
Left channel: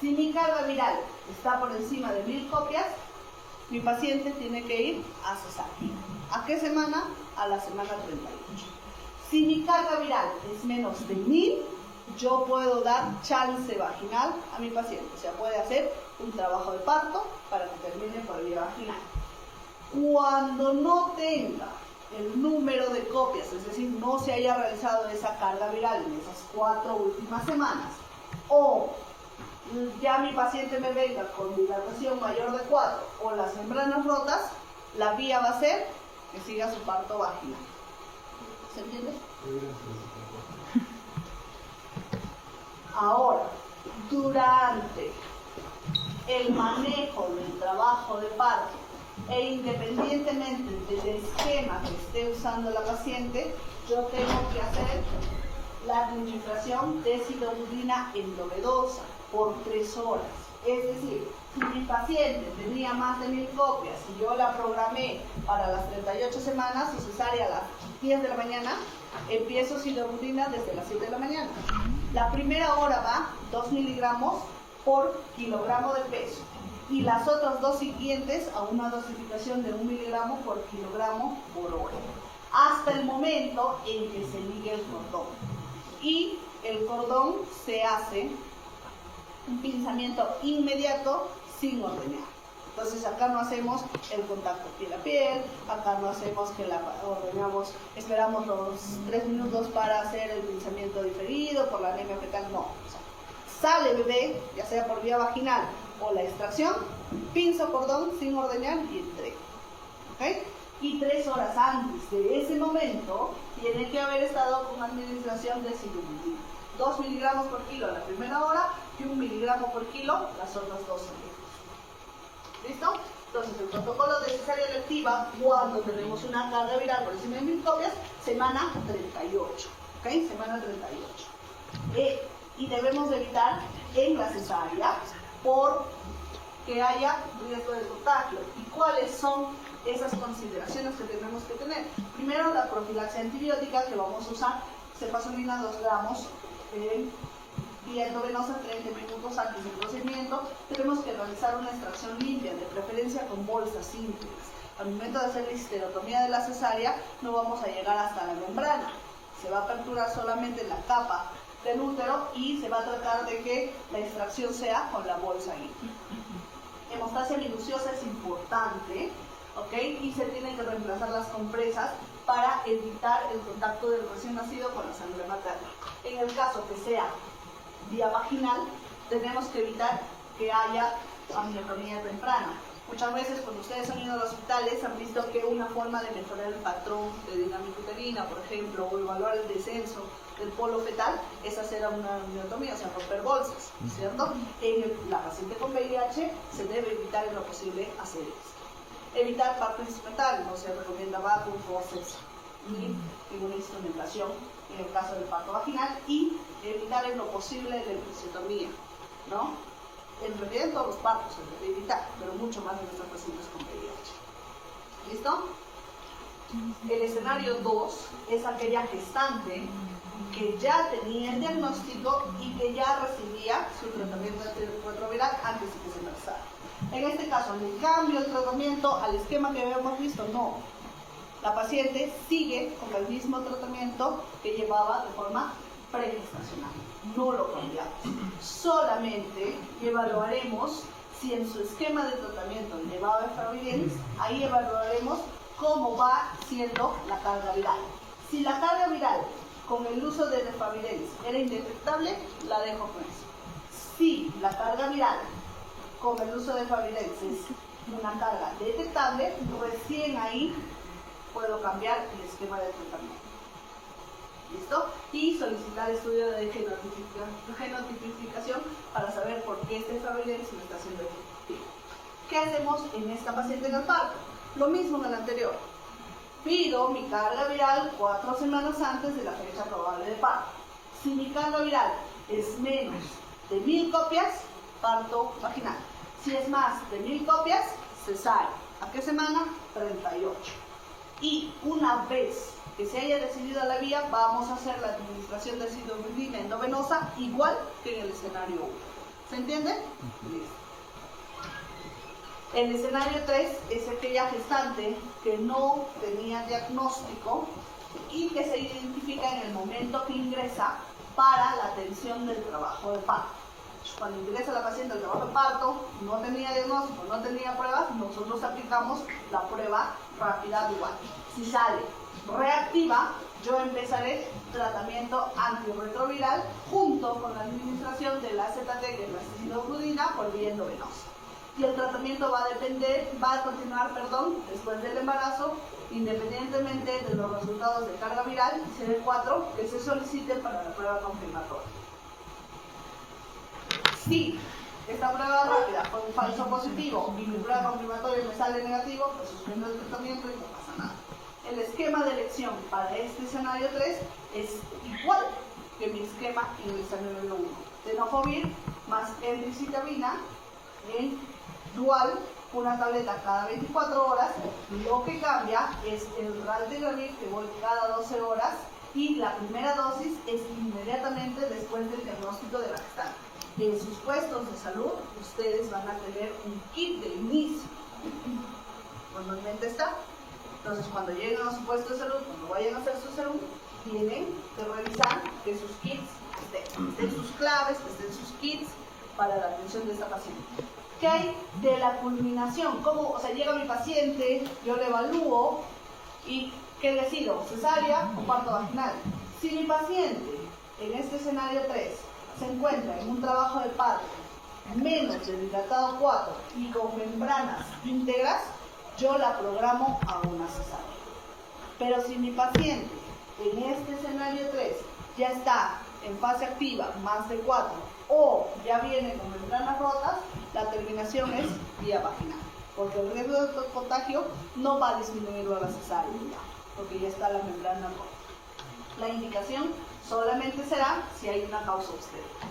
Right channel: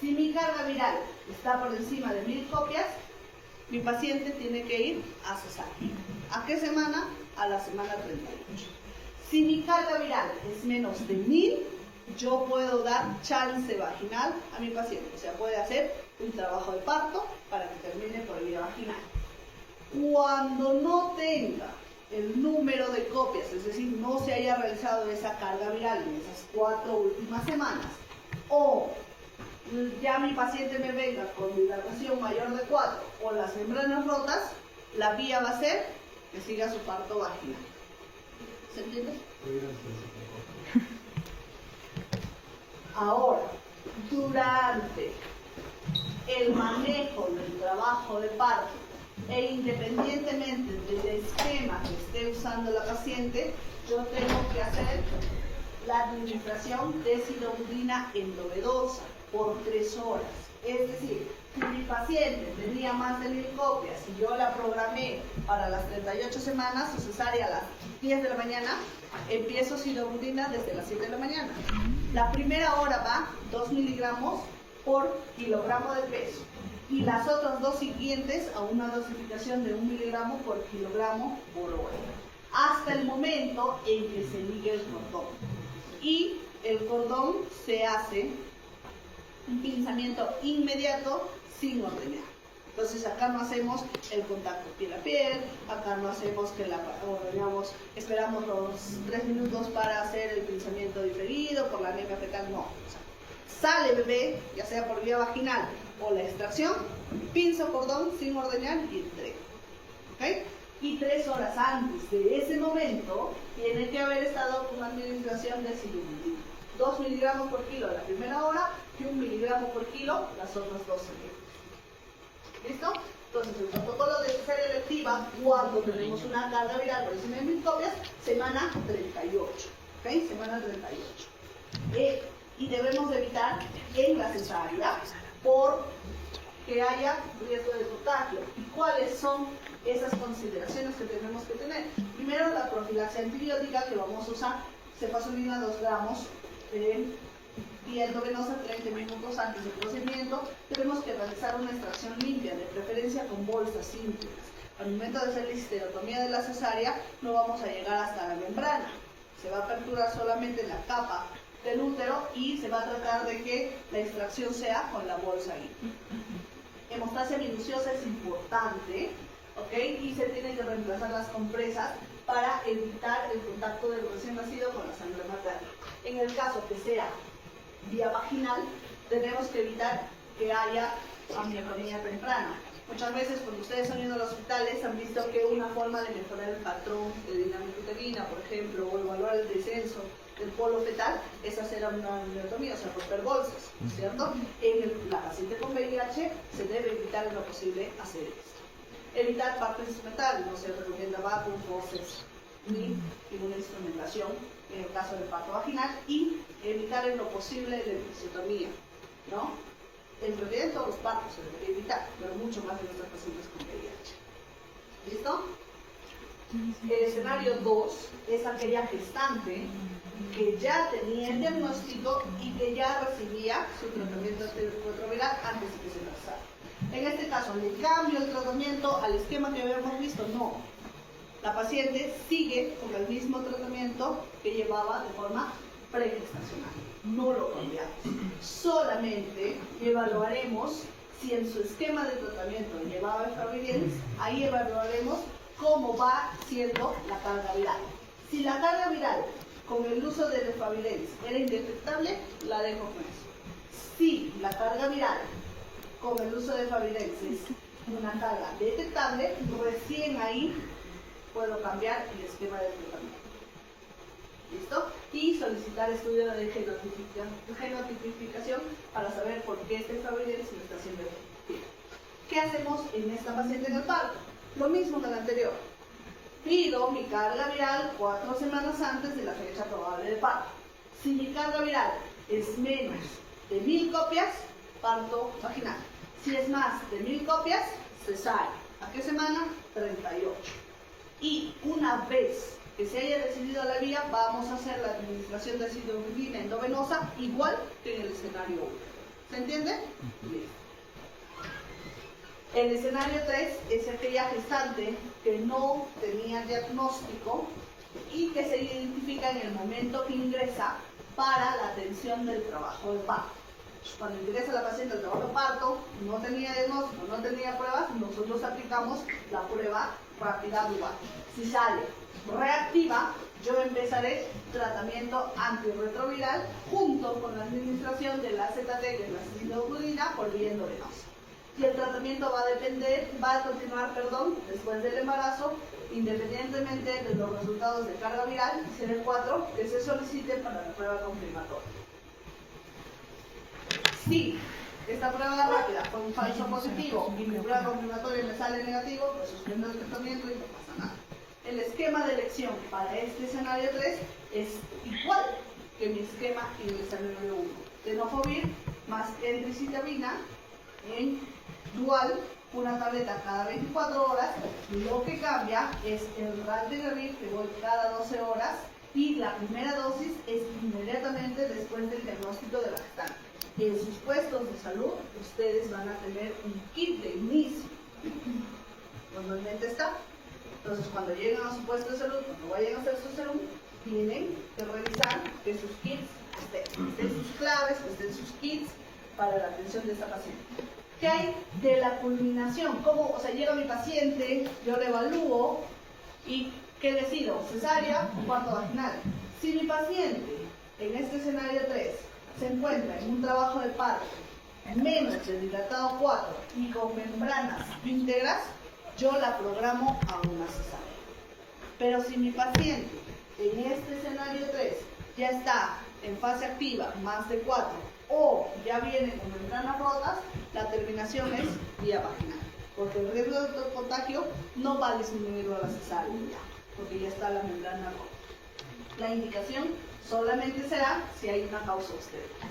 Si mi carga viral está por encima de 1000 copias, mi paciente tiene que ir a cesárea. ¿A qué semana? A la semana 38. Si mi carga viral es menos de 1000, yo puedo dar chance vaginal a mi paciente. O sea, puede hacer un trabajo de parto para que termine por vía vaginal. Cuando no tenga el número de copias, es decir, no se haya realizado esa carga viral en esas 4 últimas semanas, o ya mi paciente me venga con dilatación mayor de 4 o las membranas rotas, la vía va a ser que siga su parto vaginal. ¿Se entiende? Ahora, durante el manejo del trabajo de parto e independientemente del esquema que esté usando la paciente, yo tengo que hacer la administración de sidomudina endovenosa por 3 horas. Es decir, si mi paciente tenía más de 1000 copias y yo la programé para las 38 semanas, su cesárea a las 10 de la mañana, empiezo sidomudina desde las 7 de la mañana. La primera hora va 2 miligramos por kilogramo de peso y las otras 2 siguientes a una dosificación de 1 miligramo por kilogramo por hora, hasta el momento en que se ligue el cordón. Y el cordón se hace un pinzamiento inmediato sin ordeñar. Entonces acá no hacemos el contacto piel a piel, acá no hacemos que la ordeñamos, esperamos los 3 minutos para hacer el pinzamiento diferido por la anemia fetal, no. O sea, sale el bebé, ya sea por vía vaginal o la extracción, pinzo cordón sin ordeñar y entrego. ¿Okay? Y 3 horas antes de ese momento tiene que haber estado con administración de sidomudina. 2 miligramos por kilo la primera hora y 1 miligramo por kilo las otras 2 semanas. ¿Listo? Entonces el protocolo de cesárea electiva, cuando tenemos una carga viral por encima de 1000 copias, semana 38. ¿Ok? Semana 38. Y debemos de evitar en la cesárea por que haya riesgo de contagio. ¿Y cuáles son esas consideraciones que tenemos que tener? Primero, la profilaxia antibiótica que vamos a usar, cefazolina 2 gramos, y endovenosa 30 minutos antes del procedimiento. Tenemos que realizar una extracción limpia, de preferencia con bolsas simples. Al momento de hacer la histerectomía de la cesárea, no vamos a llegar hasta la membrana. Se va a aperturar solamente la capa del útero y se va a tratar de que la extracción sea con la bolsa limpia. Hemostasia minuciosa es importante, ¿ok? Y se tienen que reemplazar las compresas para evitar el contacto del recién nacido con la sangre materna. En el caso que sea vía vaginal, tenemos que evitar que haya amiotonía temprana. Muchas veces cuando ustedes han ido a los hospitales han visto que una forma de mejorar el patrón de dinámica uterina, por ejemplo, o evaluar el descenso del polo fetal, es hacer una amiotomía, o sea, romper bolsas, ¿cierto? En la paciente con VIH se debe evitar en lo posible hacer esto. Evitar parto instrumental, no se recomienda vacuum, voces, ni ninguna instrumentación en el caso del parto vaginal, y evitar en lo posible la episiotomía, ¿no? En realidad en todos los partos se debe evitar, pero mucho más en nuestros pacientes con VIH. ¿Listo? El escenario 2 es aquella gestante que ya tenía el diagnóstico y que ya recibía su tratamiento antirretroviral antes de que se embarazara. En este caso, ¿le cambio el tratamiento al esquema que habíamos visto? No. La paciente sigue con el mismo tratamiento que llevaba de forma pregestacional. No lo cambiamos. Solamente evaluaremos si en su esquema de tratamiento llevaba efavirenz, ahí evaluaremos cómo va siendo la carga viral. Si la carga viral con el uso de efavirenz era indetectable, la dejo con eso. Si la carga viral con el uso de efavirenz es una una carga detectable, recién ahí puedo cambiar el esquema de tratamiento. ¿Listo? Y solicitar estudio de genotipificación para saber por qué este Fabergé me está haciendo efectivo. ¿Qué hacemos en esta paciente en el parto? Lo mismo que el anterior. Pido mi carga viral 4 semanas antes de la fecha probable de parto. Si mi carga viral es menos de 1000 copias, parto vaginal. Si es más de 1000 copias, cesárea. ¿A qué semana? 38. Y una vez que se haya decidido la vía, vamos a hacer la administración de citolina endovenosa igual que en el escenario 1. ¿Se entiende? Listo. El escenario 3 es aquella gestante que no tenía diagnóstico y que se identifica en el momento que ingresa para la atención del trabajo de parto. Cuando ingresa la paciente al trabajo de parto, no tenía diagnóstico, no tenía pruebas, nosotros aplicamos la prueba rápida igual. Si sale reactiva, yo empezaré tratamiento antirretroviral junto con la administración de la ZT, que es la citolina, por vía endovenosa. Y el tratamiento va a continuar después del embarazo, independientemente de los resultados de carga viral CD4 que se soliciten para la prueba confirmatoria. Si esta prueba rápida fue un falso positivo y mi prueba confirmatoria me sale negativo, pues suspendo el tratamiento y no pasa nada. El esquema de elección para este escenario 3 es igual que mi esquema en el escenario 1. Tenofovir más endricitabina en dual, una tableta cada 24 horas. Lo que cambia es el raltegravir, que voy cada 12 horas, y la primera dosis es inmediatamente después del diagnóstico de la gestante. En sus puestos de salud, ustedes van a tener un kit de inicio. Normalmente está. Entonces, cuando lleguen a su puesto de salud, cuando vayan a hacer su serum, tienen que revisar que sus kits estén sus claves, que estén sus kits para la atención de esta paciente. ¿Qué hay de la culminación? ¿Cómo, llega mi paciente, yo le evalúo y ¿qué decido? ¿Cesárea o parto vaginal? Si mi paciente en este escenario 3 se encuentra en un trabajo de parto menos del dilatado 4 y con membranas íntegras, yo la programo a una cesárea. Pero si mi paciente en este escenario 3 ya está en fase activa más de 4 o ya viene con membranas rotas, la terminación es vía vaginal, porque el riesgo de contagio no va a disminuir a la cesárea ya, porque ya está la membrana rota. La indicación solamente será si hay una causa externa.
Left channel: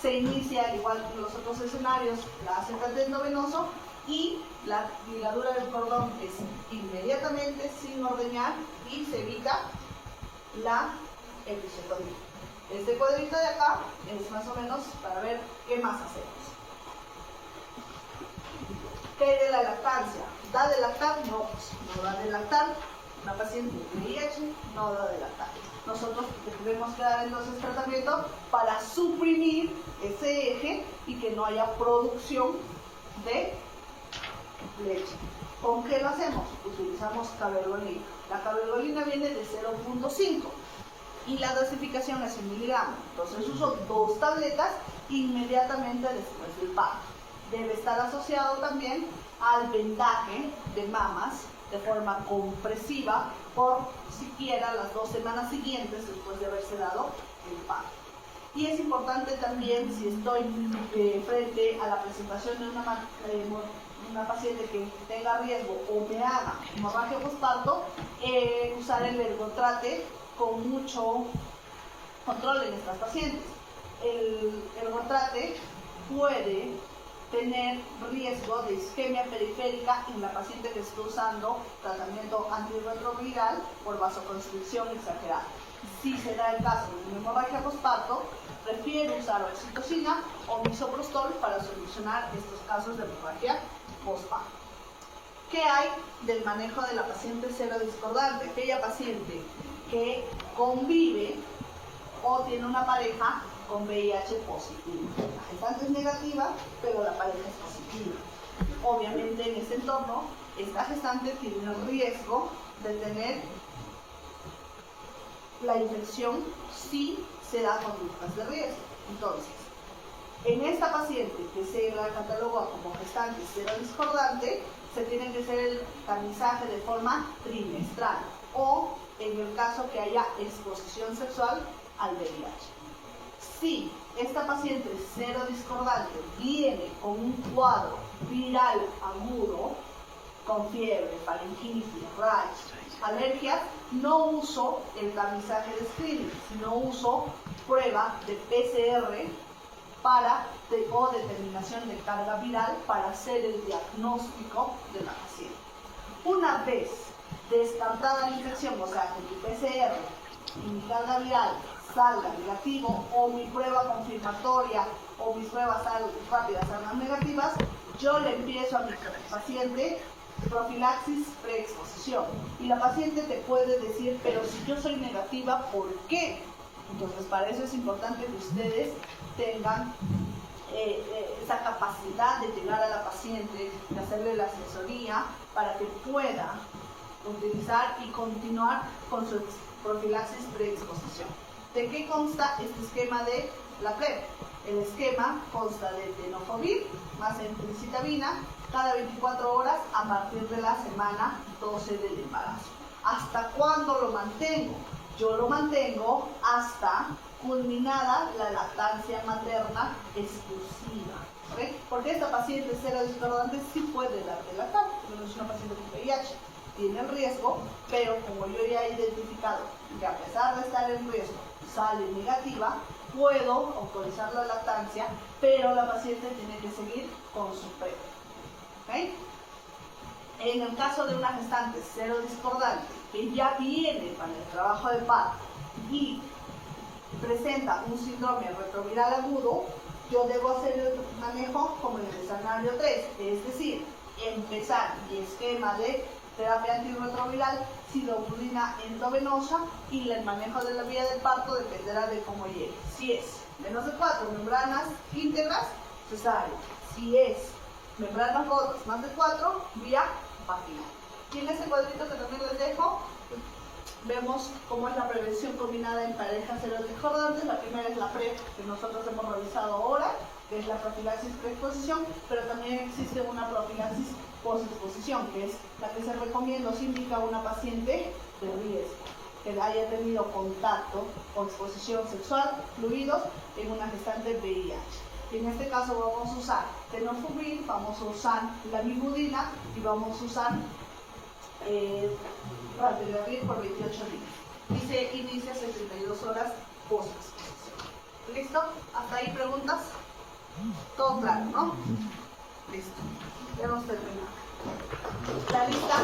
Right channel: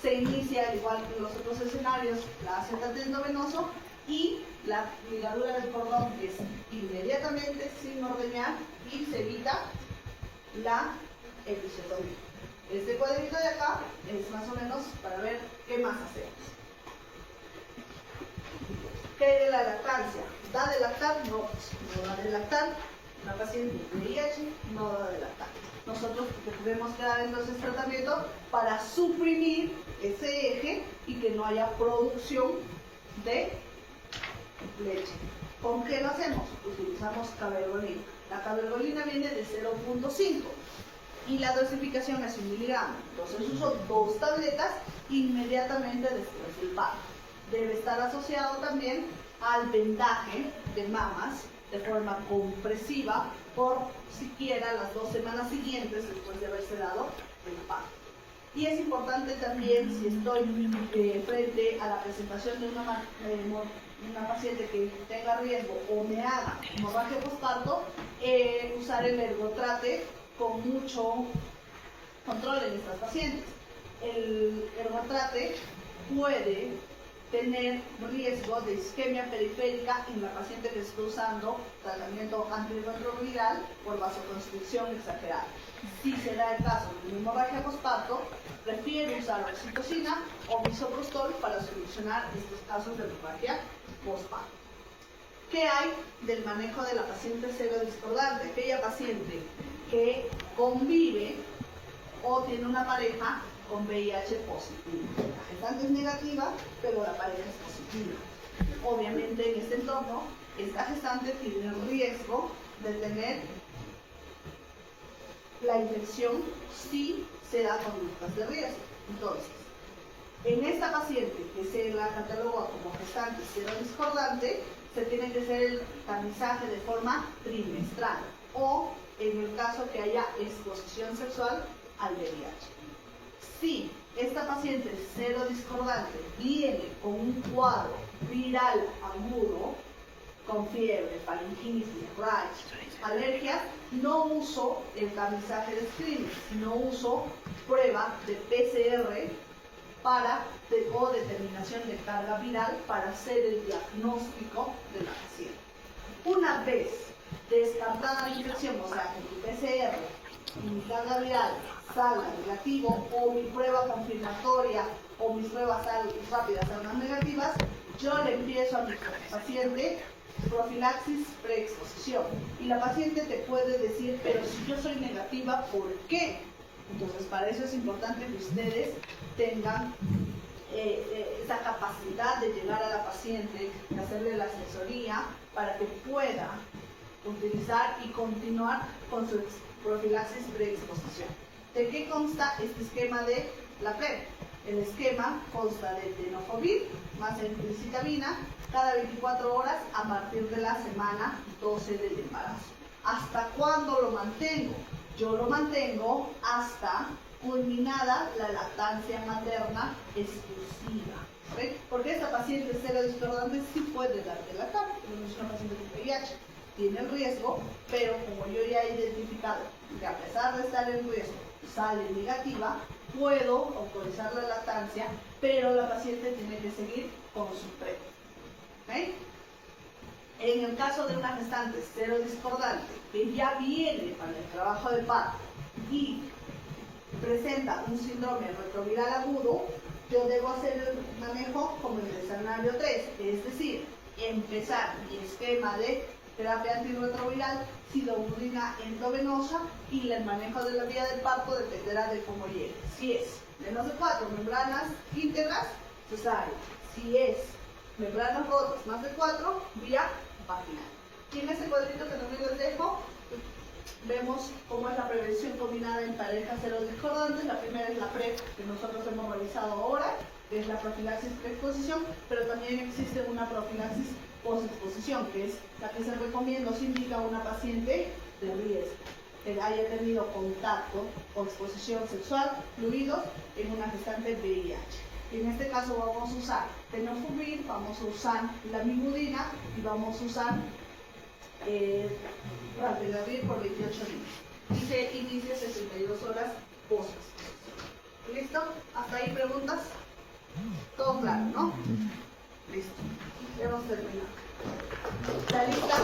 Se inicia, al igual que en los otros escenarios, la ZT endovenoso y la ligadura del cordón es inmediatamente sin ordeñar y se evita la episiotomía. Este cuadrito de acá es más o menos para ver qué más hacemos. ¿Qué hay de la lactancia? ¿Da de lactar? No, pues no da de lactar. Una paciente de VIH no da de lactar. Nosotros debemos dar entonces tratamiento para suprimir ese eje y que no haya producción de leche. ¿Con qué lo hacemos? Utilizamos cabergolina. La cabergolina viene de 0.5 y la dosificación es 1 miligramo. Entonces uso 2 tabletas inmediatamente después del parto. Debe estar asociado también al vendaje de mamas de forma compresiva por siquiera las 2 semanas siguientes después de haberse dado el parto. Y es importante también, si estoy frente a la presentación de una paciente que tenga riesgo o me haga hemorragia postparto, usar el ergotrate con mucho control en estas pacientes. El ergotrate puede tener riesgo de isquemia periférica en la paciente que está usando tratamiento antirretroviral por vasoconstricción exagerada. Si se da el caso de una hemorragia postparto, prefiero usar oxitocina o misoprostol para solucionar estos casos de hemorragia postparto. ¿Qué hay del manejo de la paciente serodiscordante? Aquella paciente que convive o tiene una pareja con VIH positivo. La gestante es negativa, pero la pareja es positiva. Obviamente en este entorno, esta gestante tiene el riesgo de tener la infección si se da conductas de riesgo. Entonces, En esta paciente que se la catalogó como gestante serodiscordante, se tiene que hacer el tamizaje de forma trimestral o en el caso que haya exposición sexual al VIH. Si esta paciente serodiscordante viene con un cuadro viral agudo, con fiebre, faringitis, rash, alergias, no uso el tamizaje de screening, sino uso prueba de PCR o determinación de carga viral para hacer el diagnóstico de la paciente. Una vez descartada la infección, o sea, que tu PCR y mi carga viral salga negativo, o mi prueba confirmatoria o mis pruebas rápidas salgan negativas, yo le empiezo a mi paciente profilaxis preexposición. Y la paciente te puede decir, pero si yo soy negativa, ¿por qué? Entonces, para eso es importante que ustedes tengan esa capacidad de llegar a la paciente, de hacerle la asesoría para que pueda utilizar y continuar con su profilaxis preexposición. ¿De qué consta este esquema de la PrEP? El esquema consta de tenofovir más encitabina cada 24 horas a partir de la semana 12 del embarazo. ¿Hasta cuándo lo mantengo? Yo lo mantengo hasta culminada la lactancia materna exclusiva. ¿Sí? Porque esta paciente serodiscordante sí puede dar de lactar, no es una paciente con VIH. Tiene el riesgo, pero como yo ya he identificado que a pesar de estar en riesgo, sale negativa, puedo autorizar la lactancia, pero la paciente tiene que seguir con su PrEP. ¿Okay? En el caso de una gestante serodiscordante que ya viene para el trabajo de parto y presenta un síndrome retroviral agudo, yo debo hacer el manejo como en el escenario 3, es decir, empezar mi esquema de terapia antirretroviral, sidoburina endovenosa, y el manejo de la vía del parto dependerá de cómo llegue. Si es menos de 4 membranas íntegras, cesárea. Si es membranas rotas más de 4, vía vaginal. Y en este cuadrito que también les dejo, vemos cómo es la prevención combinada en parejas serodiscordantes. La primera es la PrEP, que nosotros hemos realizado ahora, que es la profilaxis preexposición, pero también existe una profilaxis postexposición, que es la que se recomienda o se indica a una paciente de riesgo, que haya tenido contacto o exposición sexual, fluidos, en una gestante VIH. En este caso vamos a usar tenofovir, vamos a usar lamivudina y vamos a usar Raltegravir por 28 días. Y se inicia 62 horas post-exposición. ¿Listo? ¿Hasta ahí preguntas? Todo claro, ¿no? Listo. Ya hemos terminado. ¿Está lista?